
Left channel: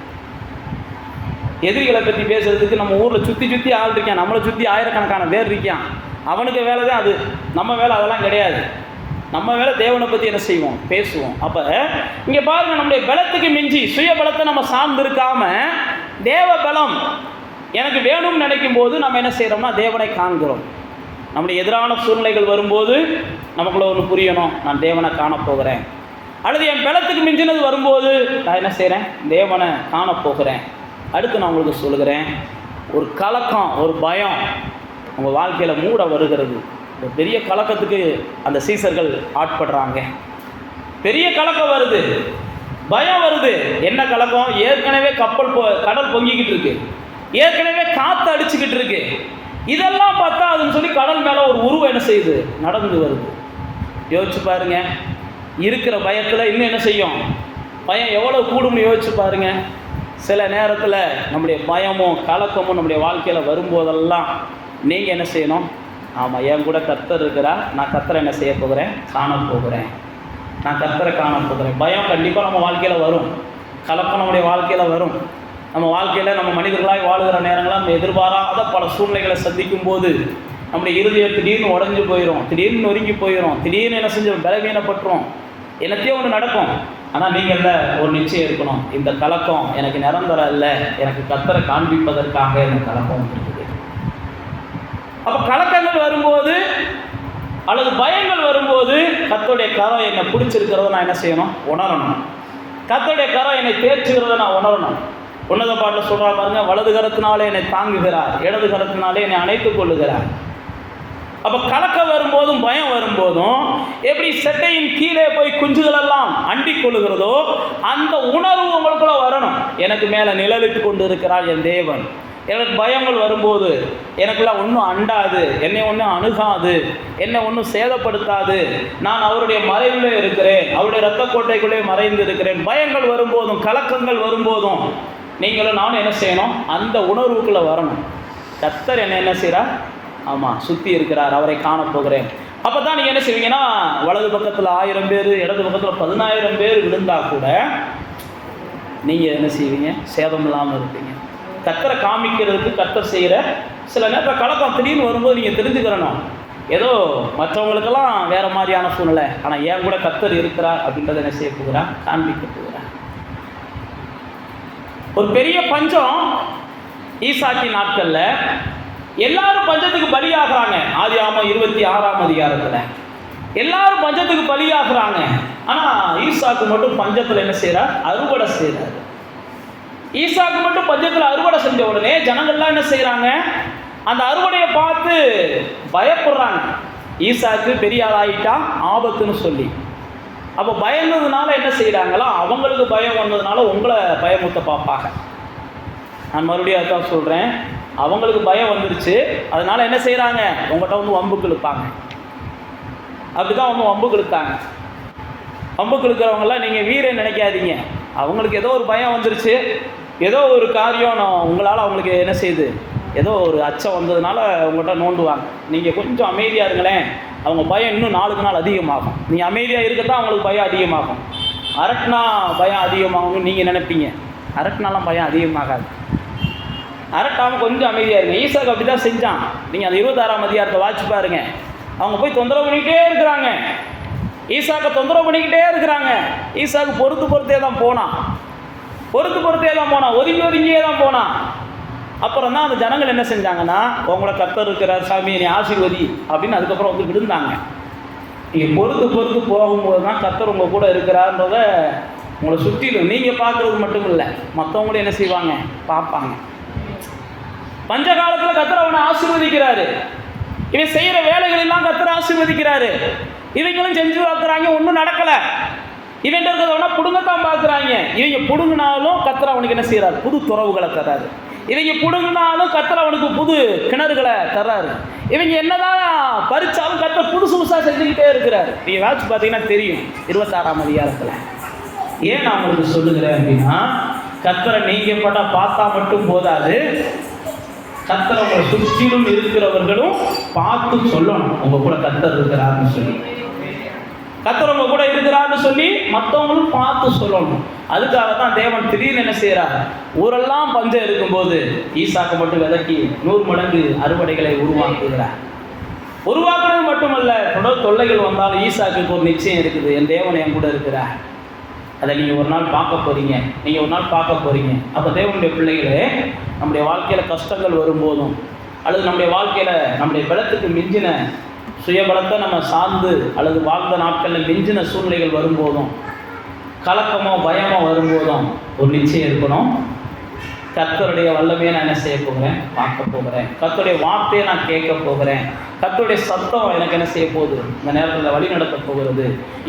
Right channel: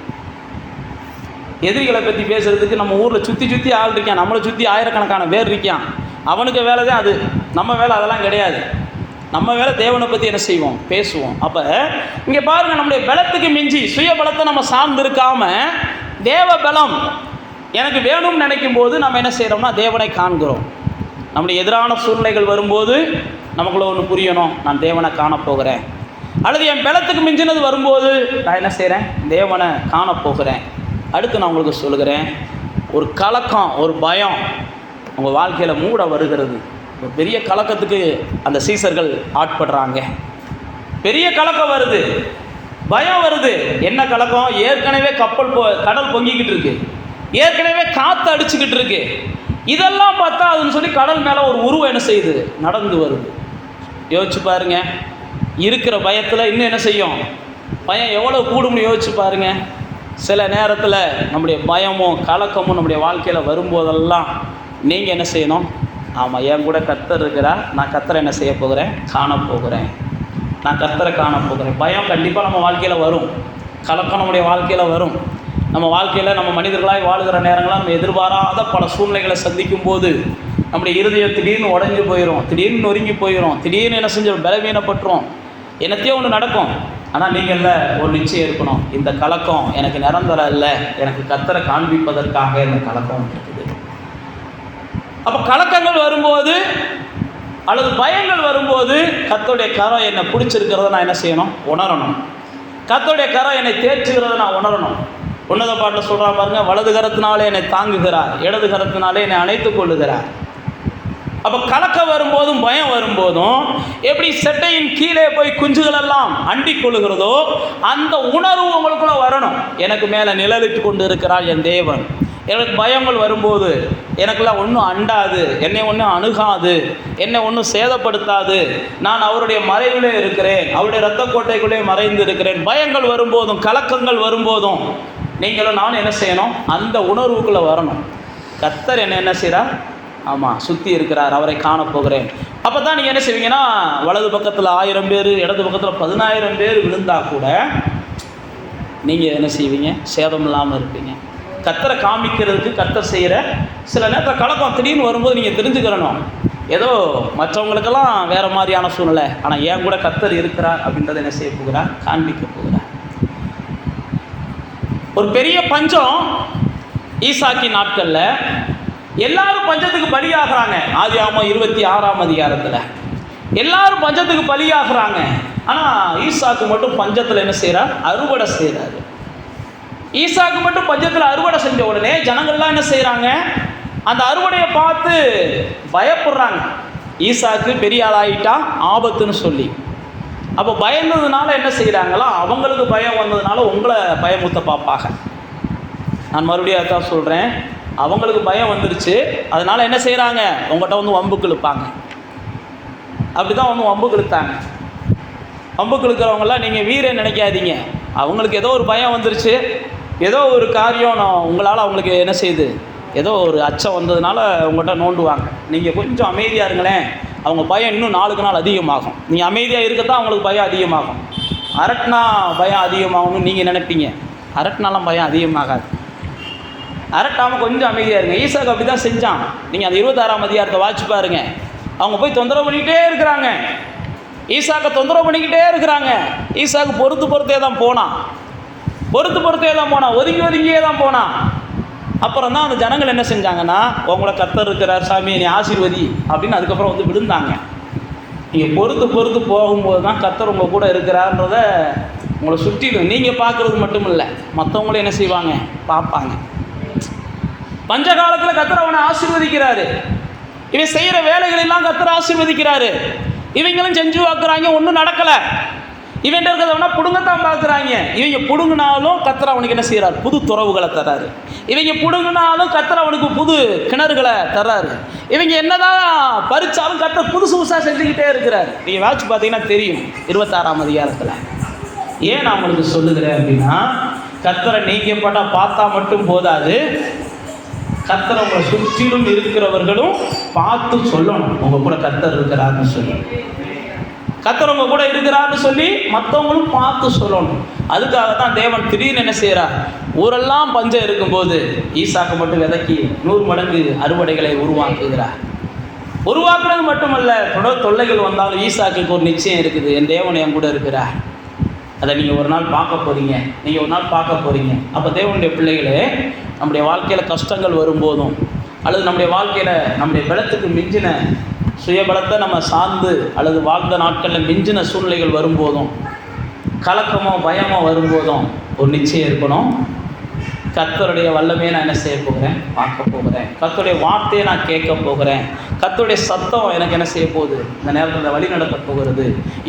எதிரிகளை பற்றி பேசுறதுக்கு நம்ம ஊரில் சுற்றி ஆள் இருக்கான், நம்மளை சுற்றி ஆயிரக்கணக்கான பேர் இருக்கான். அவனுக்கு வேலை தான் அது, நம்ம வேலை அதெல்லாம் கிடையாது. நம்ம வேலை தேவனை பற்றி என்ன செய்வோம், பேசுவோம். அப்போ இங்கே பாருங்கள், நம்முடைய பலத்துக்கு மிஞ்சி சுய பலத்தை நம்ம சார்ந்து இருக்காமல் தேவ பலம் எனக்கு வேணும்னு நினைக்கும் போது நம்ம என்ன செய்கிறோம்னா தேவனை காண்கிறோம். நம்முடைய எதிரான சூழ்நிலைகள் வரும்போது நமக்குள்ள ஒன்று புரியணும், நான் தேவனை காணப்போகிறேன். அல்லது என் பலத்துக்கு மிஞ்சினது வரும்போது நான் என்ன செய்கிறேன், தேவனை காணப்போகிறேன். அடுத்து நான் உங்களுக்கு சொல்லுகிறேன், ஒரு கலக்கம், ஒரு பயம் உங்கள் வாழ்க்கையில் மூட வருகிறது. ஒரு பெரிய கலக்கத்துக்கு அந்த சீசர்கள் ஆட்படுறாங்க. பெரிய கலக்கம் வருது, பயம் வருது. என்ன கலக்கம், ஏற்கனவே கடல் பொங்கிக்கிட்டு இருக்கு, ஏற்கனவே காற்று அடிச்சுக்கிட்டு இருக்கு. இதெல்லாம் பார்த்தா அதுன்னு சொல்லி கடல் மேலே ஒரு உருவம் என்ன செய்யுது, நடந்து வருது. யோசிச்சு பாருங்க, இருக்கிற பயத்தில் இன்னும் என்ன செய்யும், பயம் எவ்வளோ கூடும்னு யோசிச்சு பாருங்க. சில நேரத்தில் நம்முடைய பயமும் கலக்கமும் நம்முடைய வாழ்க்கையில் வரும்போதெல்லாம் நீங்கள் என்ன செய்யணும், ஆமாம், என் கூட கர்த்தர் இருக்கிறார், நான் கர்த்தரை என்ன செய்ய போகிறேன், காணப்போகிறேன், நான் கர்த்தரை காணப்போகிறேன். பயம் கண்டிப்பாக நம்ம வாழ்க்கையில் வரும், கலக்கம் நம்முடைய வாழ்க்கையில் வரும். நம்ம வாழ்க்கையில் நம்ம மனிதர்களாய் வாழுகிற நேரங்களாக நம்ம எதிர்பாராத பல சூழ்நிலைகளை சந்திக்கும் போது நம்முடைய இருதயம் திடீர்னு உடஞ்சி போயிடும், திடீர்னு நொறுங்கி போயிடும், திடீர்னு என்ன செஞ்சோம், பலவீனப்பட்டுரும், என்னத்தையோ ஒன்று நடக்கும். ஆனால் நீங்கள் ஒரு நிச்சயம் இருக்கணும், இந்த கலக்கம் எனக்கு நிரந்தரம் இல்லை, எனக்கு கர்த்தரை காண்பிப்பதற்காக இந்த கலக்கம் இருக்குது. அப்போ கலக்கங்கள் வரும்போது அல்லது பயங்கள் வரும்போது கர்த்தருடைய கரம் என்னை பிடிச்சிருக்கிறத நான் என்ன செய்யணும், உணரணும். கர்த்தருடைய கரம் என்னை தேர்ச்சுகிறத நான் உணரணும். உன்னத பாட்டில் சொல்கிறா பாருங்க, வலது கரத்தினாலே என்னை தாங்குகிறார், இடது கரத்தினாலே என்னை அணைத்துக் கொள்ளுகிறார். அப்போ கலக்கம் வரும்போதும் பயம் வரும்போதும் எப்படி செட்டையின் கீழே போய் குஞ்சுகள் எல்லாம் அண்டிக் கொள்ளுகிறதோ அந்த உணர்வு உங்களுக்குள்ள வரணும். எனக்கு மேலே நிழலிட்டு கொண்டு இருக்கிறார் என் தேவன். எனக்கு பயங்கள் வரும்போது எனக்கெல்லாம் ஒன்றும் அண்டாது, என்னை ஒன்றும் அணுகாது, என்னை ஒன்றும் சேதப்படுத்தாது, நான் அவருடைய மறைவிலே இருக்கிறேன், அவருடைய இரத்த கோட்டைக்குள்ளே மறைந்து இருக்கிறேன். பயங்கள் வரும்போதும் கலக்கங்கள் வரும்போதும் நீங்களும் நானும் என்ன செய்யணும், அந்த உணர்வுக்குள்ளே வரணும். கர்த்தர் என்ன செய்கிறார், ஆமாம், சுற்றி இருக்கிறார், அவரை காணப்போகிறேன். அப்போ தான் நீங்கள் என்ன செய்வீங்கன்னா, வலது பக்கத்தில் 1000 பேர், இடது பக்கத்தில் 10000 பேர் விழுந்தால் கூட நீங்கள் என்ன செய்வீங்க, சேதம் இல்லாமல் இருப்பீங்க. கர்த்தரை காமிக்கிறதுக்கு கர்த்தர் செய்கிற சில நேரத்தில் கலக்கம் திடீர்னு வரும்போது நீங்கள் தெரிஞ்சுக்கிறணும், ஏதோ மற்றவங்களுக்கெல்லாம் வேறு மாதிரியான சூழ்நிலை, ஆனால் ஏன் கூட கர்த்தர் இருக்கிறார் அப்படின்றத என்ன செய்ய போகிறார், காண்பிக்க போகிறார். ஒரு பெரிய பஞ்சம் ஈசாக்கின் நாட்களில் எல்லாரும் பஞ்சத்துக்கு பலியாகிறாங்க. ஆதியாகமம் 26ஆம் அதிகாரத்தில் எல்லாரும் பஞ்சத்துக்கு பலியாகிறாங்க. ஆனால் ஈசாக்கு மட்டும் பஞ்சத்தில் என்ன செய்கிறார், அறுவடை செய்கிறார். ஈசாக்கு மட்டும் பஞ்சத்தில் அறுவடை செஞ்ச உடனே ஜனங்கள்லாம் என்ன செய்கிறாங்க, அந்த அறுவடையை பார்த்து பயப்படுறாங்க. ஈசாக்கு பெரிய ஆளாயிட்டா ஆபத்துன்னு சொல்லி. அப்போ பயந்ததுனால என்ன செய்கிறாங்களோ, அவங்களுக்கு பயம் வந்ததுனால உங்களை பயமுத்த பார்ப்பாங்க. நான் மறுபடியும் அதான் சொல்கிறேன், அவங்களுக்கு பயம் வந்துடுச்சு, அதனால் என்ன செய்கிறாங்க, உங்கள்கிட்ட வந்து வம்புக்கு இழுப்பாங்க. அப்படி தான் அவங்க வம்புக்கு இழுத்தாங்க. வம்புக்கு இழுக்கிறவங்களாம் நீங்கள் வீரன் நினைக்காதீங்க, அவங்களுக்கு ஏதோ ஒரு பயம் வந்துருச்சு, ஏதோ ஒரு காரியம் உங்களால் அவங்களுக்கு என்ன செய்யுது, ஏதோ ஒரு அச்சம் வந்ததுனால உங்கள்கிட்ட நோண்டுவாங்க. நீங்கள் கொஞ்சம் அமைதியாக இருங்களேன், அவங்க பயம் இன்னும் நாளுக்கு நாள் அதிகமாகும். நீங்கள் அமைதியாக இருக்கத்தான் அவங்களுக்கு பயம் அதிகமாகும். அரட்டினா பயம் அதிகமாகும்னு நீங்கள் நினைப்பீங்க, அரட்டினாலாம் பயம் அதிகமாகாது. அரட்டாமல் கொஞ்சம் அமைதியாக இருங்க. ஈசாக்கு அப்படி தான் செஞ்சான். நீங்கள் அந்த 26ஆம் அதிகாரத்தை வாட்சி பாருங்க. அவங்க போய் தொந்தரவு பண்ணிக்கிட்டே இருக்கிறாங்க, ஈசாக்கை தொந்தரவு பண்ணிக்கிட்டே இருக்கிறாங்க. ஈசாக்கு பொறுத்தே தான் போனான். பொறுத்தே தான் போனான், ஒதுங்கியே தான் போனான். அப்புறம் தான் அந்த ஜனங்கள் என்ன செஞ்சாங்கன்னா, உங்களை கர்த்தர் இருக்கிறார் சாமி, நீ ஆசீர்வதி அப்படின்னு அதுக்கப்புறம் வந்து விழுந்தாங்க. நீங்கள் பொறுத்து போகும்போது தான் கர்த்தர் உங்கள் கூட இருக்கிறார்ன்றத உங்களை சுற்றிலும் நீங்கள் பார்க்குறது மட்டும் இல்லை, மற்றவங்களும் என்ன செய்வாங்க, பார்ப்பாங்க. பஞ்ச காலத்தில் கர்த்தர் அவனை ஆசீர்வதிக்கிறாரு. இவன் செய்கிற வேலைகளெல்லாம் கர்த்தர் ஆசீர்வதிக்கிறாரு. இவங்களும் செஞ்சு பார்க்குறாங்க, ஒன்றும் நடக்கலை. இவன் இருக்கிறவனா பிடுங்கத்தான் பார்க்குறாங்க. இவங்க பிடுங்கினாலும் கர்த்தர் அவனுக்கு என்ன செய்கிறார், புது துறவுகளை தர்றாரு. இவங்க பிடுங்கினாலும் கர்த்தர் அவனுக்கு புது கிணறுகளை தர்றாரு. இவங்க என்னதான் பறிச்சாலும் கர்த்தர் புதுசாக செஞ்சுக்கிட்டே இருக்கிறார். நீங்கள் வாட்சி பார்த்தீங்கன்னா தெரியும் 26ஆம் அதிகாரத்தில். ஏன் நான் உங்களுக்கு சொல்லுகிறேன் அப்படின்னா, கர்த்தரை நீங்கள் பார்த்தா மட்டும் போதாது, கர்த்தரை உங்களை சுற்றிலும் இருக்கிறவர்களும் பார்த்து சொல்லணும் உங்கள் கூட கர்த்தர் இருக்கிறார்னு சொல்லி. கர்த்தர் உங்க கூட இருக்கிறார்னு சொல்லி மற்றவங்களும் பார்த்து சொல்லணும். அதுக்காக தான் தேவன் திடீர்னு என்ன செய்கிறார், ஊரெல்லாம் பஞ்சம் இருக்கும்போது ஈசாக்கு மட்டும் விதைக்கி 100 மடங்கு அறுவடைகளை உருவாக்குகிறார். உருவாக்குறது மட்டுமல்ல, தொடர் தொல்லைகள் வந்தாலும் ஈசாக்குக்கு ஒரு நிச்சயம் இருக்குது, என் தேவன் என் கூட இருக்கிறார். அதை நீங்கள் ஒரு நாள் பார்க்க போகிறீங்க. அப்போ தேவனுடைய பிள்ளைகளே, நம்முடைய வாழ்க்கையில் கஷ்டங்கள் வரும்போதும், அல்லது நம்முடைய வாழ்க்கையில் நம்முடைய பலத்துக்கு மிஞ்சின சுயபலத்தை நம்ம சார்ந்து அல்லது வாழ்ந்த நாட்களில் மிஞ்சின சூழ்நிலைகள் வரும்போதும், கலக்கமோ பயமோ வரும்போதும் ஒரு நிச்சயம் இருக்கணும். கர்த்தருடைய வல்லமையை நான் என்ன செய்ய போகிறேன், பார்க்க போகிறேன். கர்த்தருடைய வார்த்தையை நான் கேட்க போகிறேன். கர்த்தருடைய சத்தம் எனக்கு என்ன செய்ய போகுது, இந்த நேரத்தில் வழி நடத்த போகிறது.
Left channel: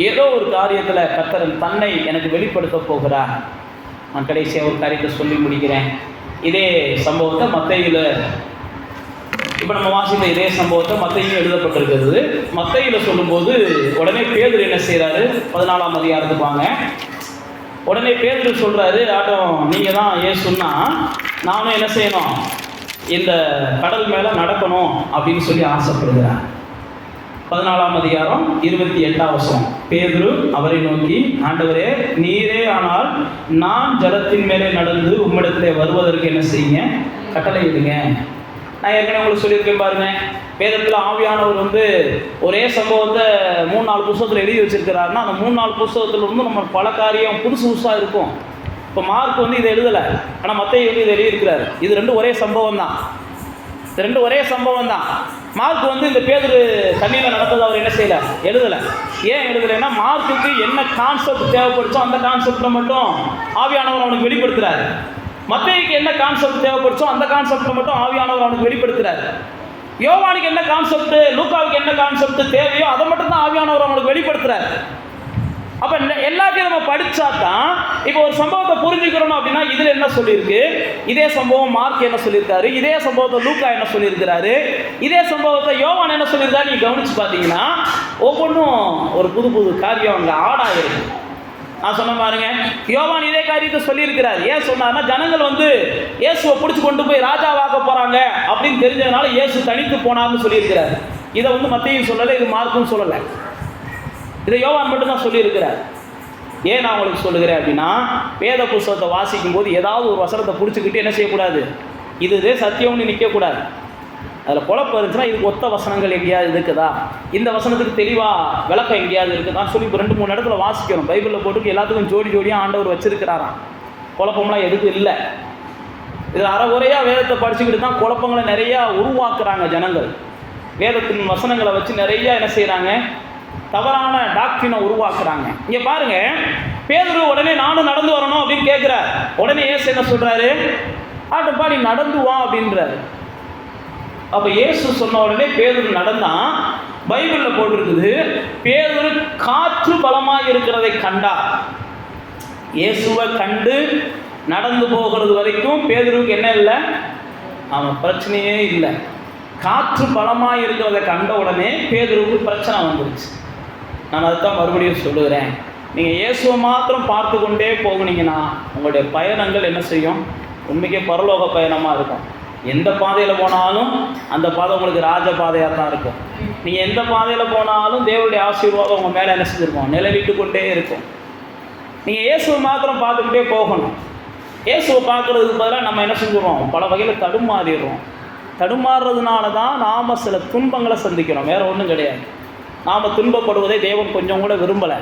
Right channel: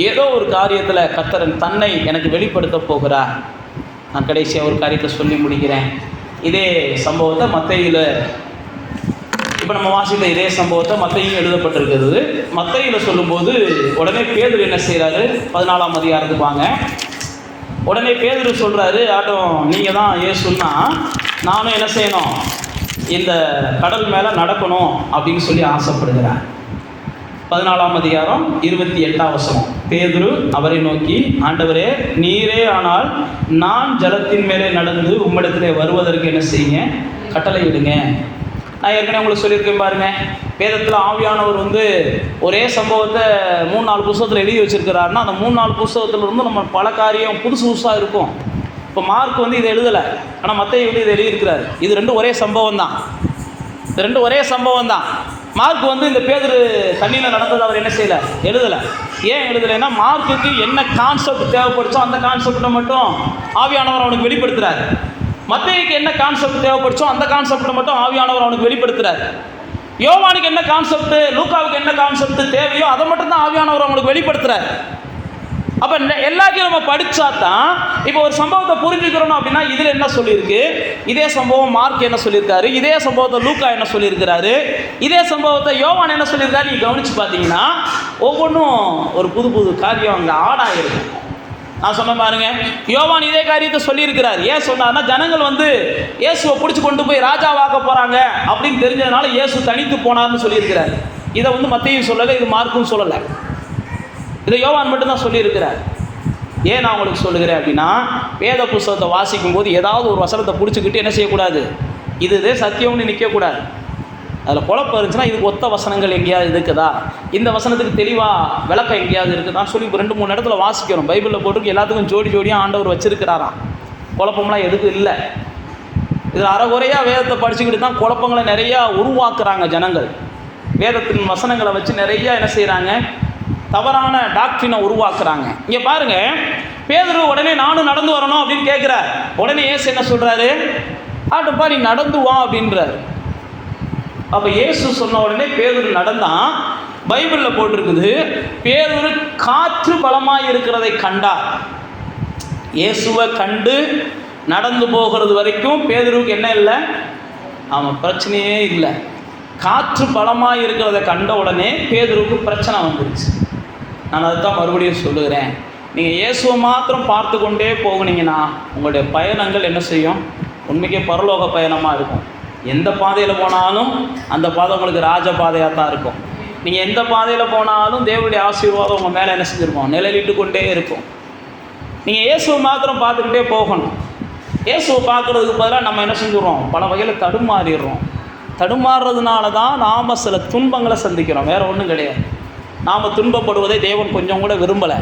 ஏதோ ஒரு காரியத்தில் கர்த்தர் தன்னை எனக்கு வெளிப்படுத்த போகிறார். நான் கடைசியாக ஒரு காரியத்தை சொல்லி முடிக்கிறேன். இதே சம்பவத்தை மத்தேயுல, இப்போ நம்ம வாசிக்கிற இதே சம்பவத்தை மத்தேயுல எழுதப்பட்டிருக்கிறது. மத்தேயுல சொல்லும்போது உடனே பேதுரு என்ன செய்கிறாரு, 14ஆம் அதிகாரத்துக்கு வாங்க. உடனே பேதுரு சொல்கிறாரு, ஆட்டம் நீங்கள் தான் இயேசுன்னா நானும் என்ன செய்யணும், இந்த கடல் மேலே நடக்கணும் அப்படின்னு சொல்லி ஆசைப்படுகிறார். 14ஆம் அதிகாரம் 28ஆம் வசனம். பேதுரு அவரை நோக்கி, ஆண்டவரே நீரே ஆனால் நான் ஜலத்தின் மேலே நடந்து உம்மிடத்தில் வருவதற்கு என்ன செய்யுங்க, கட்டளையிடுங்க. நான் ஏற்கனவே உங்களுக்கு சொல்லியிருக்கேன் பாருங்க, வேதத்தில் ஆவியானவர் வந்து ஒரே சம்பவத்தை 3-4 புத்தகத்தில் எழுதி வச்சிருக்கிறாருன்னா, அந்த 3-4 புத்தகத்தில் இருந்து நம்ம பல காரியம் புதுசாக இருக்கும். இப்போ மார்க் வந்து இதை எழுதலை, ஆனால் மத்தேயு வந்து இதை எழுதியிருக்கிறாரு. இது ரெண்டும் ஒரே சம்பவம் தான். மார்க் வந்து இந்த பேதுரு தண்ணியில் நடந்தது அவர் என்ன செய்யலை, எழுதலை. ஏன் எழுதலைன்னா, மார்க்குக்கு என்ன கான்செப்ட் தேவைப்படுச்சோ அந்த கான்செப்டை மட்டும் ஆவியானவர் அவனுக்கு வெளிப்படுத்துகிறார். மத்தேயுக்கு என்ன கான்செப்ட் தேவைப்படுச்சோ அந்த கான்செப்டை மட்டும் ஆவியானவர் அவனுக்கு வெளிப்படுத்துகிறார். யோவானுக்கு என்ன கான்செப்ட், லூக்காவுக்கு என்ன கான்செப்ட் தேவையோ அதை மட்டும் தான் ஆவியானவர் அவனுக்கு வெளிப்படுத்துகிறார். அப்போ எல்லாத்தையும் நம்ம படித்தா தான் இப்போ ஒரு சம்பவத்தை புரிஞ்சுக்கிறோம். அப்படின்னா இதில் என்ன சொல்லியிருக்கு, இதே சம்பவம் மார்க் என்ன சொல்லியிருக்காரு, இதே சம்பவத்தை லூக்கா என்ன சொல்லியிருக்கிறாரு, இதே சம்பவத்தை யோவான் என்ன சொல்லியிருக்காரு, நீங்கள் கவனித்து பார்த்தீங்கன்னா ஒவ்வொன்றும் ஒரு புது காரியம் அங்கே ஆடாயிருக்கு. நான் சொன்ன பாருங்க, யோவான் இதே காரியத்தை சொல்லியிருக்கிறார். ஏன் சொன்னார்னா, ஜனங்கள் வந்து இயேசுவை பிடிச்சி கொண்டு போய் ராஜாவாக்க போகிறாங்க அப்படின்னு தெரிஞ்சதுனால இயேசு தனித்து போனார்னு சொல்லியிருக்கிறார். இதை வந்து மத்தேயு சொல்லலை, இது மார்க்கும் சொல்லலை, இதை யோவான் மட்டும்தான் சொல்லியிருக்கிறார். ஏன் நான் உங்களுக்கு சொல்லுகிறேன் அப்படின்னா, வேத புஸ்தகத்தை வாசிக்கும் போது ஏதாவது ஒரு வசனத்தை பிடிச்சிக்கிட்டு என்ன செய்யக்கூடாது, இது சத்தியம்னு நிற்கக்கூடாது. அதில் குழப்பம் இருந்துச்சுன்னா இதுக்கு ஒத்த வசனங்கள் எங்கேயாவது இருக்குதா, இந்த வசனத்துக்கு தெளிவாக விளக்கம் எங்கேயாவது இருக்குதான் சொல்லி 2-3 இடத்துல வாசிக்கணும். பைபிளில் போட்டு எல்லாத்துக்கும் ஜோடியாக ஆண்டவர் வச்சிருக்கிறாராம். குழப்பம்லாம் எதுக்கும் இல்லை. இது அறகுறையாக வேதத்தை படிச்சுக்கிட்டு தான் குழப்பங்களை நிறையா உருவாக்குறாங்க ஜனங்கள். வேதத்தின் வசனங்களை வச்சு நிறையா என்ன செய்கிறாங்க, தவறான டாக்டரினை உருவாக்குறாங்க. இங்கே பாருங்க, பேதுரு உடனே நானும் நடந்து வரணும் அப்படின்னு கேட்குறார். உடனே இயேசு என்ன சொல்கிறாரு, ஆட்டப்பா நீ நடந்து வா அப்படின்றார். அப்போ இயேசு சொன்ன உடனே பேதுரு நடந்தான். பைபிளில் போட்டிருக்குது, பேதுரு காற்று பலமாக இருக்கிறதை கண்டார். இயேசுவை கண்டு நடந்து போகிறது வரைக்கும் பேதுருவுக்கு என்ன இல்லை, அவன் பிரச்சனையே இல்லை. காற்று பலமாக இருக்கிறத கண்ட உடனே பேதுருவுக்கு பிரச்சனை வந்துருச்சு. நான் அதுதான் மறுபடியும் சொல்லுகிறேன், நீங்கள் இயேசுவை மாத்திரம் பார்த்து கொண்டே போகுனீங்கன்னா உங்களுடைய பயணங்கள் என்ன செய்யும், உண்மைக்கே பரலோக பயணமாக இருக்கும். எந்த பாதையில் போனாலும் அந்த பாதை உங்களுக்கு ராஜ பாதையாக தான் இருக்கும். நீங்கள் எந்த பாதையில் போனாலும் தேவனுடைய ஆசீர்வாதம் உங்கள் மேலே என்ன செஞ்சுருக்கோம், நிழலிட்டு கொண்டே இருக்கும். நீங்கள் இயேசுவை மாத்திரம் பார்த்துக்கிட்டே போகணும். இயேசுவை பார்க்குறதுக்கு பதிலாக நம்ம என்ன செஞ்சுடுறோம், பல வகையில் தடுமாறிடுறோம். தடுமாறுறதுனால தான் நாம் சில துன்பங்களை சந்திக்கிறோம், வேறு ஒன்றும் கிடையாது. நாம் துன்பப்படுவதை தேவன் கொஞ்சம் கூட விரும்பலை.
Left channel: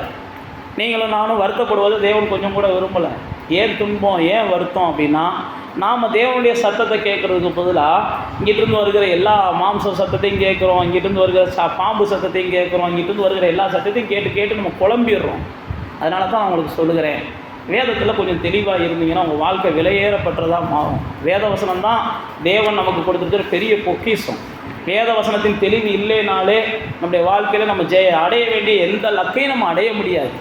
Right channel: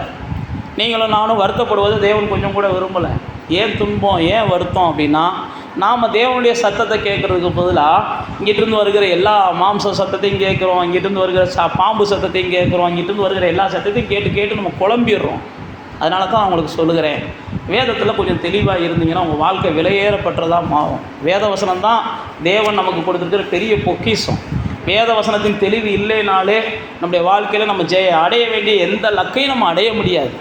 நீங்களும் நானும் வருத்தப்படுவதை தேவன் கொஞ்சம் கூட விரும்பலை. ஏன் துன்பம், ஏன் வருத்தம் அப்படின்னா, நாம் தேவனுடைய சத்தத்தை கேட்குறதுக்கு பதிலாக இங்கிட்டிருந்து வருகிற எல்லா மாம்ச சத்தத்தையும் கேட்குறோம், இங்கிட்டிருந்து வருகிற பாம்பு சத்தத்தையும் கேட்குறோம், இங்கிட்டிருந்து வருகிற எல்லா சத்தத்தையும் கேட்டு கேட்டு நம்ம குழம்பிடுறோம். அதனால தான் அவங்களுக்கு சொல்லுகிறேன், வேதத்தில் கொஞ்சம் தெளிவாக இருந்தீங்கன்னா உங்கள் வாழ்க்கை விலையேறப்பட்டதாக மாறும். வேத வசனம் தான் தேவன் நமக்கு கொடுத்துருக்கிற பெரிய பொக்கிஷம். வேத வசனத்தின் தெளிவு இல்லைனாலே நம்முடைய வாழ்க்கையில் நம்ம அடைய வேண்டிய எந்த லக்கையும் நம்ம அடைய முடியாது.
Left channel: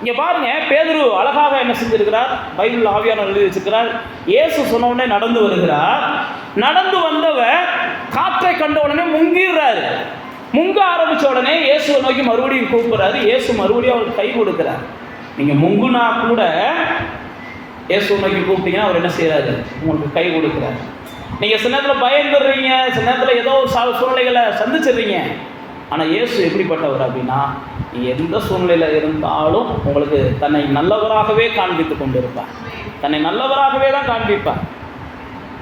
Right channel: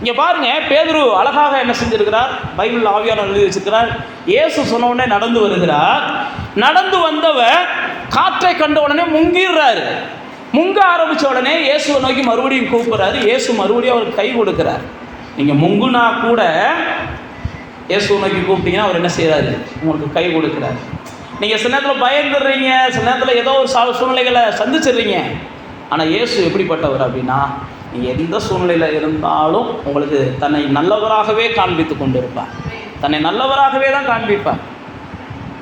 இங்கே பாருங்கள், பேதுரு அழகாக என்ன செஞ்சிருக்கிறார், பைபிள் ஆவியானவர் எழுதி வச்சிருக்கிறார். இயேசு சொன்ன உடனே நடந்து வருகிறார். நடந்து வந்தவர் காற்றை கண்ட உடனே முங்கிடுறாரு. முங்க ஆரம்பித்த உடனே இயேசுவை நோக்கி மறுபடியும் கூப்பிட்றாரு. இயேசு மறுபடியும் அவருக்கு கை கொடுக்குறார். நீங்கள் முங்குனா கூட இயேசுவை நோக்கி கூப்பிட்டீங்கன்னா அவர் என்ன செய்கிறாரு, உங்களுக்கு கை கொடுக்குறாரு. நீங்கள் சில நேரத்தில் பயந்துடுறீங்க, சில நேரத்தில் ஏதோ ஒரு சூழ்நிலைகளை சந்திச்சிடுறீங்க. ஆனால் இயேசு எப்படிப்பட்டவர் அப்படின்னா, நீங்கள் எந்த சூழ்நிலையில் இருந்தாலும் உங்களுக்கு தன்னை நல்லவராகவே காண்பித்து கொண்டு இருப்பார். தன்னை நல்லவராகவே தான் காண்பிப்பார்.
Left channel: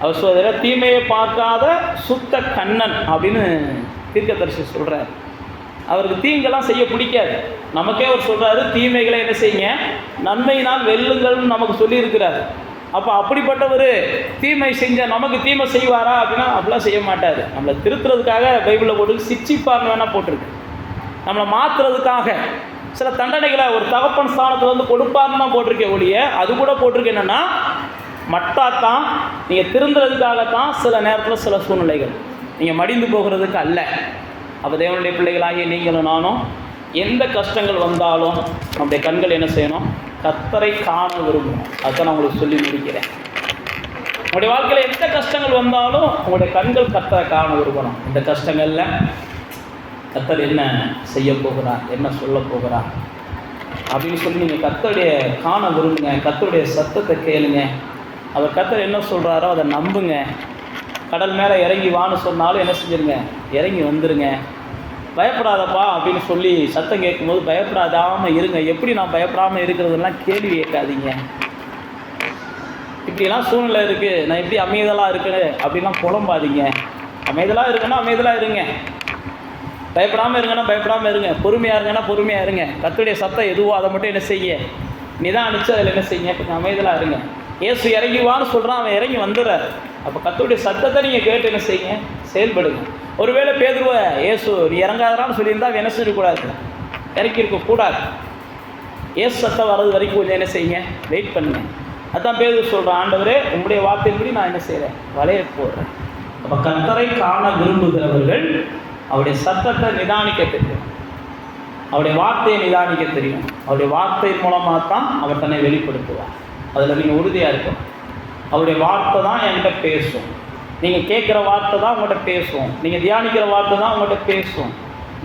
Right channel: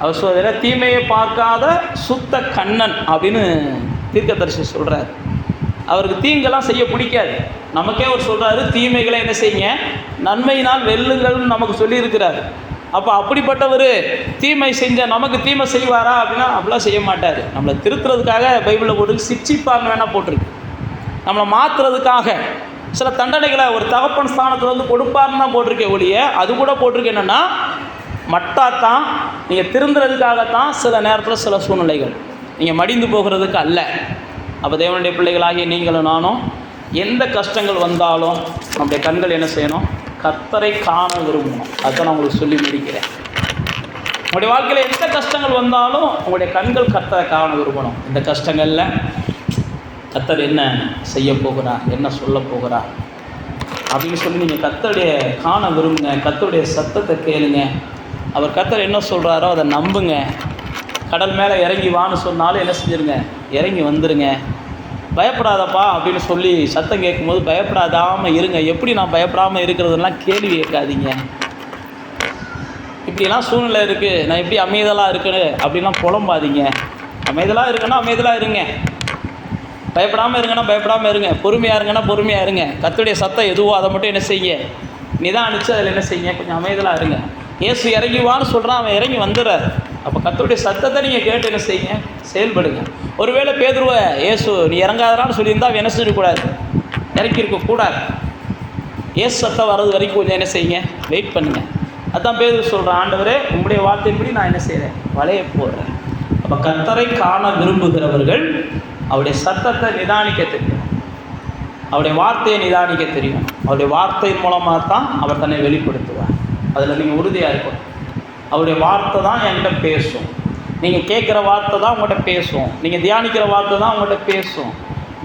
அவர் சொல்கிற தீமையை பார்க்காத சுத்த கண்ணன் அப்படின்னு தீர்க்கதரிசி சொல்கிறார். அவருக்கு தீங்கெல்லாம் செய்ய பிடிக்காது. நமக்கே அவர் சொல்கிறாரு, தீமைகளை என்ன செய்யுங்க, நன்மையினால் வெல்லுங்கள்னு நமக்கு சொல்லியிருக்கிறார். அப்போ அப்படிப்பட்டவர் தீமை செஞ்சால் நமக்கு தீமை செய்வாரா அப்படின்னா அப்படிலாம் செய்ய மாட்டார். நம்மளை திருத்துறதுக்காக பைபிளில் போட்டு சிக்ஷிப்பாங்க வேணால் போட்டிருக்கு. நம்மளை மாற்றுறதுக்காக சில தண்டனைகளை ஒரு தகப்பன் ஸ்தானத்தில் வந்து கொடுப்பாருன்னு தான் போட்டிருக்கேன் ஒழிய, அது கூட போட்டிருக்கேன் என்னென்னா மட்டாத்தான் நீங்கள் திருந்துறதுக்காகத்தான் சில நேரத்தில் சில சூழ்நிலைகள், நீங்கள் மடிந்து போகிறதுக்கு அல்ல. அப்போ தேவனுடைய பிள்ளைகளாகிய நீங்களும் நானும் எந்த கஷ்டங்கள் வந்தாலும் நம்முடைய கண்கள் என்ன செய்யணும், கர்த்தரை காண விரும்பணும். அதுதான் நான் உங்களுக்கு சொல்லி முடிக்கிறேன். உங்களுடைய வாழ்க்கையில் எந்த கஷ்டங்கள் வந்தாலும் உங்களுடைய கண்கள் கர்த்தரை காண விரும்பணும். இந்த கஷ்டங்களில் கர்த்தர் என்ன செய்ய போகிறார், என்ன சொல்ல போகிறார் அப்படின்னு சொல்லி நீங்கள் கர்த்தருடைய காண விரும்புங்க. கர்த்தருடைய சத்தத்தை கேளுங்க. அவர் கர்த்தர் என்ன சொல்கிறாரோ அதை நம்புங்க. கடல் மேலே இறங்கி வான்னு சொன்னாலும் என்ன செஞ்சுருங்க, இறங்கி வந்துடுங்க. பயப்படாதப்பா அப்படின்னு சொல்லி சத்தம் கேட்கும்போது பயப்படாதாமல் இருங்க. எப்படி நான் பயப்படாமல் இருக்கிறதுலாம் கேள்வி கேட்காதீங்க. இப்படிலாம் சூழ்நிலை இருக்குது, நான் எப்படி அமைதலாக இருக்கணும் அப்படின்லாம் புலம்பாதீங்க. அமைதலாக இருக்குன்னா அமைதலாக இருங்க. பயப்படாமல் இருங்கன்னா பயப்படாமல் இருங்க. பொறுமையாக இருங்கன்னா பொறுமையாக இருங்க. கர்த்தருடைய சத்தம் எதுவோ அதை மட்டும் என்ன செய்ய, நிதானிச்சு அதில் என்ன செய்யுங்க, கொஞ்சம் அமைதலாக இருங்க. இயேசு இறங்கி வான்னு சொல்கிறான், அவன் இறங்கி வந்துடுறாரு. அப்போ கர்த்தருடைய சத்தத்தை நீங்கள் கேட்டு என்ன செய்யுங்க, செயல்படுங்க. ஒருவேளை பேதுருவை இயேசு நீ இறங்காதரான்னு சொல்லியிருந்தால் அவன் என்ன செய்யக்கூடாது, இறக்கி இருக்கக்கூடாது. இயேசு சத்தம் வர்றது வரைக்கும் கொஞ்சம் என்ன செய்யுங்க, வெயிட் பண்ணுங்கள். அதுதான் பேதுரு சொல்கிறேன், ஆண்டவரே உங்களுடைய வார்த்தையின்படி நான் என்ன செய்கிறேன், வலைய போடுறேன். அப்போ கர்த்தரை காண விரும்புகிறவர்கள் அவருடைய சத்தத்தை நிதானிக்க தெரியும், அவருடைய வார்த்தையை நிதானிக்க தெரியும். அவருடைய வார்த்தை மூலமாக தான் அவர் தன்னை வெளிப்படுத்துவார். அதில் நீங்கள் உறுதியாக இருக்கணும். அவருடைய வார்த்தை தான் என்கிட்ட பேசும். நீங்கள் கேட்குற வார்த்தை தான் உங்கள்கிட்ட பேசும். நீங்கள் தியானிக்கிற வார்த்தை தான் உங்கள்கிட்ட பேசும்.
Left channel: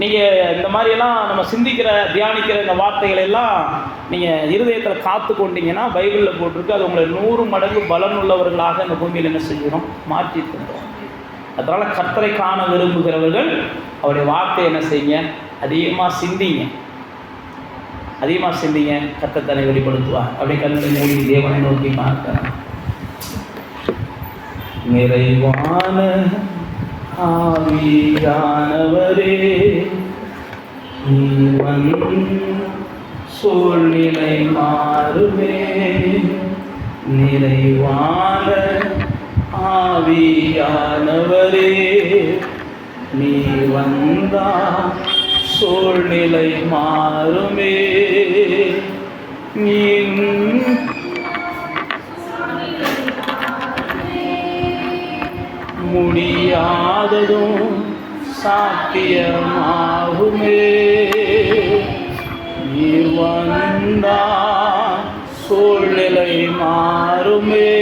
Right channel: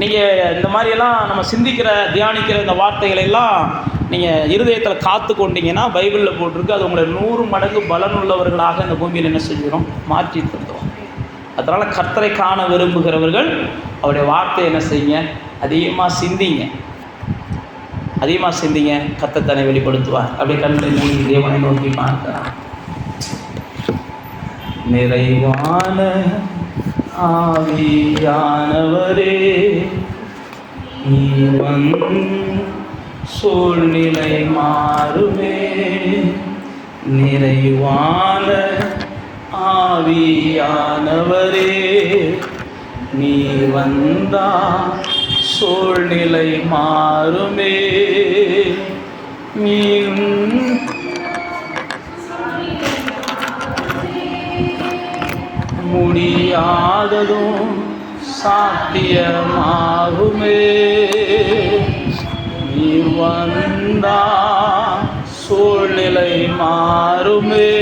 நீங்கள் இந்த மாதிரியெல்லாம் நம்ம சிந்திக்கிற தியானிக்கிற இந்த வார்த்தைகள் எல்லாம் நீங்கள் இருதயத்தில் காத்து கொண்டீங்கன்னா பைபிளில் போட்டிருக்கு, அது உங்களை 100 மடங்கு பலன் உள்ளவர்களாக இந்த பூமியில் என்ன செஞ்சிடும், மாற்றி தந்துடும். அதனால் கர்த்தரை காண விரும்புகிறவர்கள் அவருடைய வார்த்தையை என்ன செய்யுங்க, அதிகமாக சிந்திங்க, அதிகமாக சிந்திங்க. கர்த்தர் தன்னை வெளிப்படுத்துவார். அப்படியே கண்களை மூடி தேவனை நோக்கி பார்க்கலாம். நிறைவான ஆவியானவரே நீ சூழ்நிலை மாறுமே. நிறைவான ஆவியானவரே நீ வந்தா சூழ்நிலை மாறுமே. நீ முடியாததும் சாத்தியமாகுமே. நீ வந்தா சூழ்நிலை மாறுமே.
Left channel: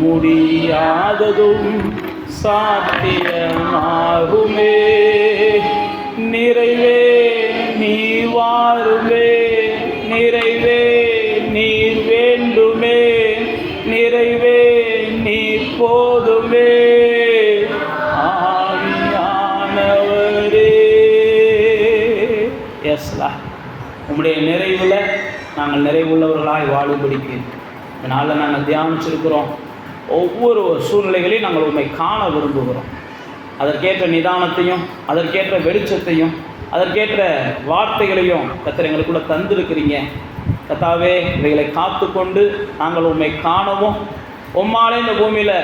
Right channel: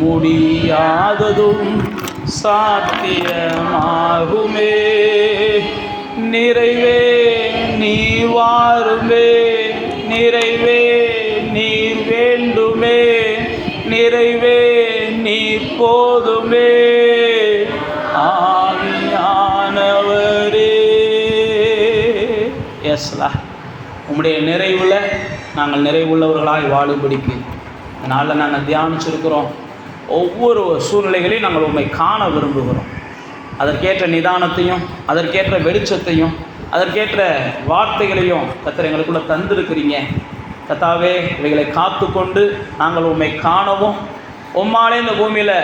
முடியாததும் சாத்தியமாகுமே. நிறைவே நீ வாருமே. நிறைவே நீர் வேண்டுமே. நிறைவே நீர் போதுமே. ஆவியானவரே எஸ்லா உம்முடைய நிறைவில் நாங்கள் நிறைவுள்ளவர்களாய் வாழும்படிக்கு அதனால் நாங்கள் தியானிச்சிருக்கிறோம். ஒவ்வொரு சூழ்நிலைகளையும் நாங்கள் உண்மை காண விரும்புகிறோம். அதற்கேற்ற நிதானத்தையும் அதற்கேற்ற வெளிச்சத்தையும் அதற்கேற்ற வார்த்தைகளையும் கர்த்தர் எங்களுக்குள்ளே தந்திருக்கிறீங்க. கர்த்தாவே இவைகளை காத்து கொண்டு நாங்கள் உம்மை காணவும், உம்மாலே இந்த பூமியில்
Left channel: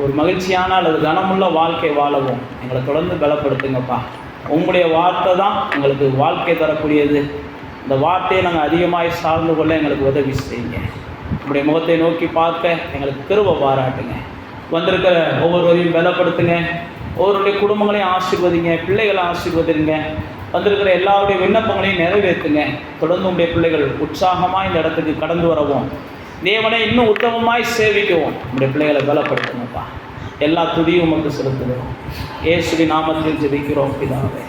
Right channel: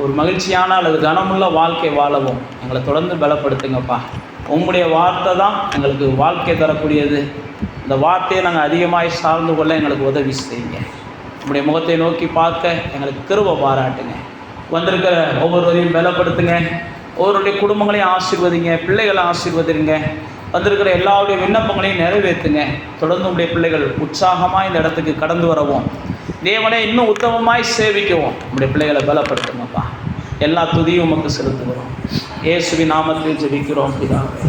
ஒரு மகிழ்ச்சியான அல்லது கனமுள்ள வாழ்க்கை வாழவும் எங்களை தொடர்ந்து பலப்படுத்துங்கப்பா. உங்களுடைய வார்த்தை தான் எங்களுக்கு வாழ்க்கை தரக்கூடியது. இந்த வார்த்தையை நாங்கள் அதிகமாக சார்ந்து கொள்ள எங்களுக்கு உதவி செய்யுங்க. உங்களுடைய முகத்தை நோக்கி பார்க்க எங்களுக்கு கிருபை பாராட்டுங்க. வந்திருக்கிற ஒவ்வொருவரையும் பலப்படுத்துங்க. ஒவ்வொருடைய குடும்பங்களையும் ஆசீர்வதிங்க, பிள்ளைகளை ஆசீர்வதிங்க. வந்திருக்கிற எல்லாருடைய விண்ணப்பங்களையும் நிறைவேற்றுங்க. தொடர்ந்து உங்களுடைய பிள்ளைகள் உற்சாகமாக இந்த இடத்துக்கு கடந்து வரவும், தேவனை இன்னும் உத்தமமாய் சேவிக்கவும் உங்களுடைய பிள்ளைகளை பலப்படுத்துங்கப்பா. எல்லா துதியும் உமக்கு செலுத்துகிறோம். இயேசுவின் நாமத்தில் ஜெபிக்கிறோம் பிதாவே.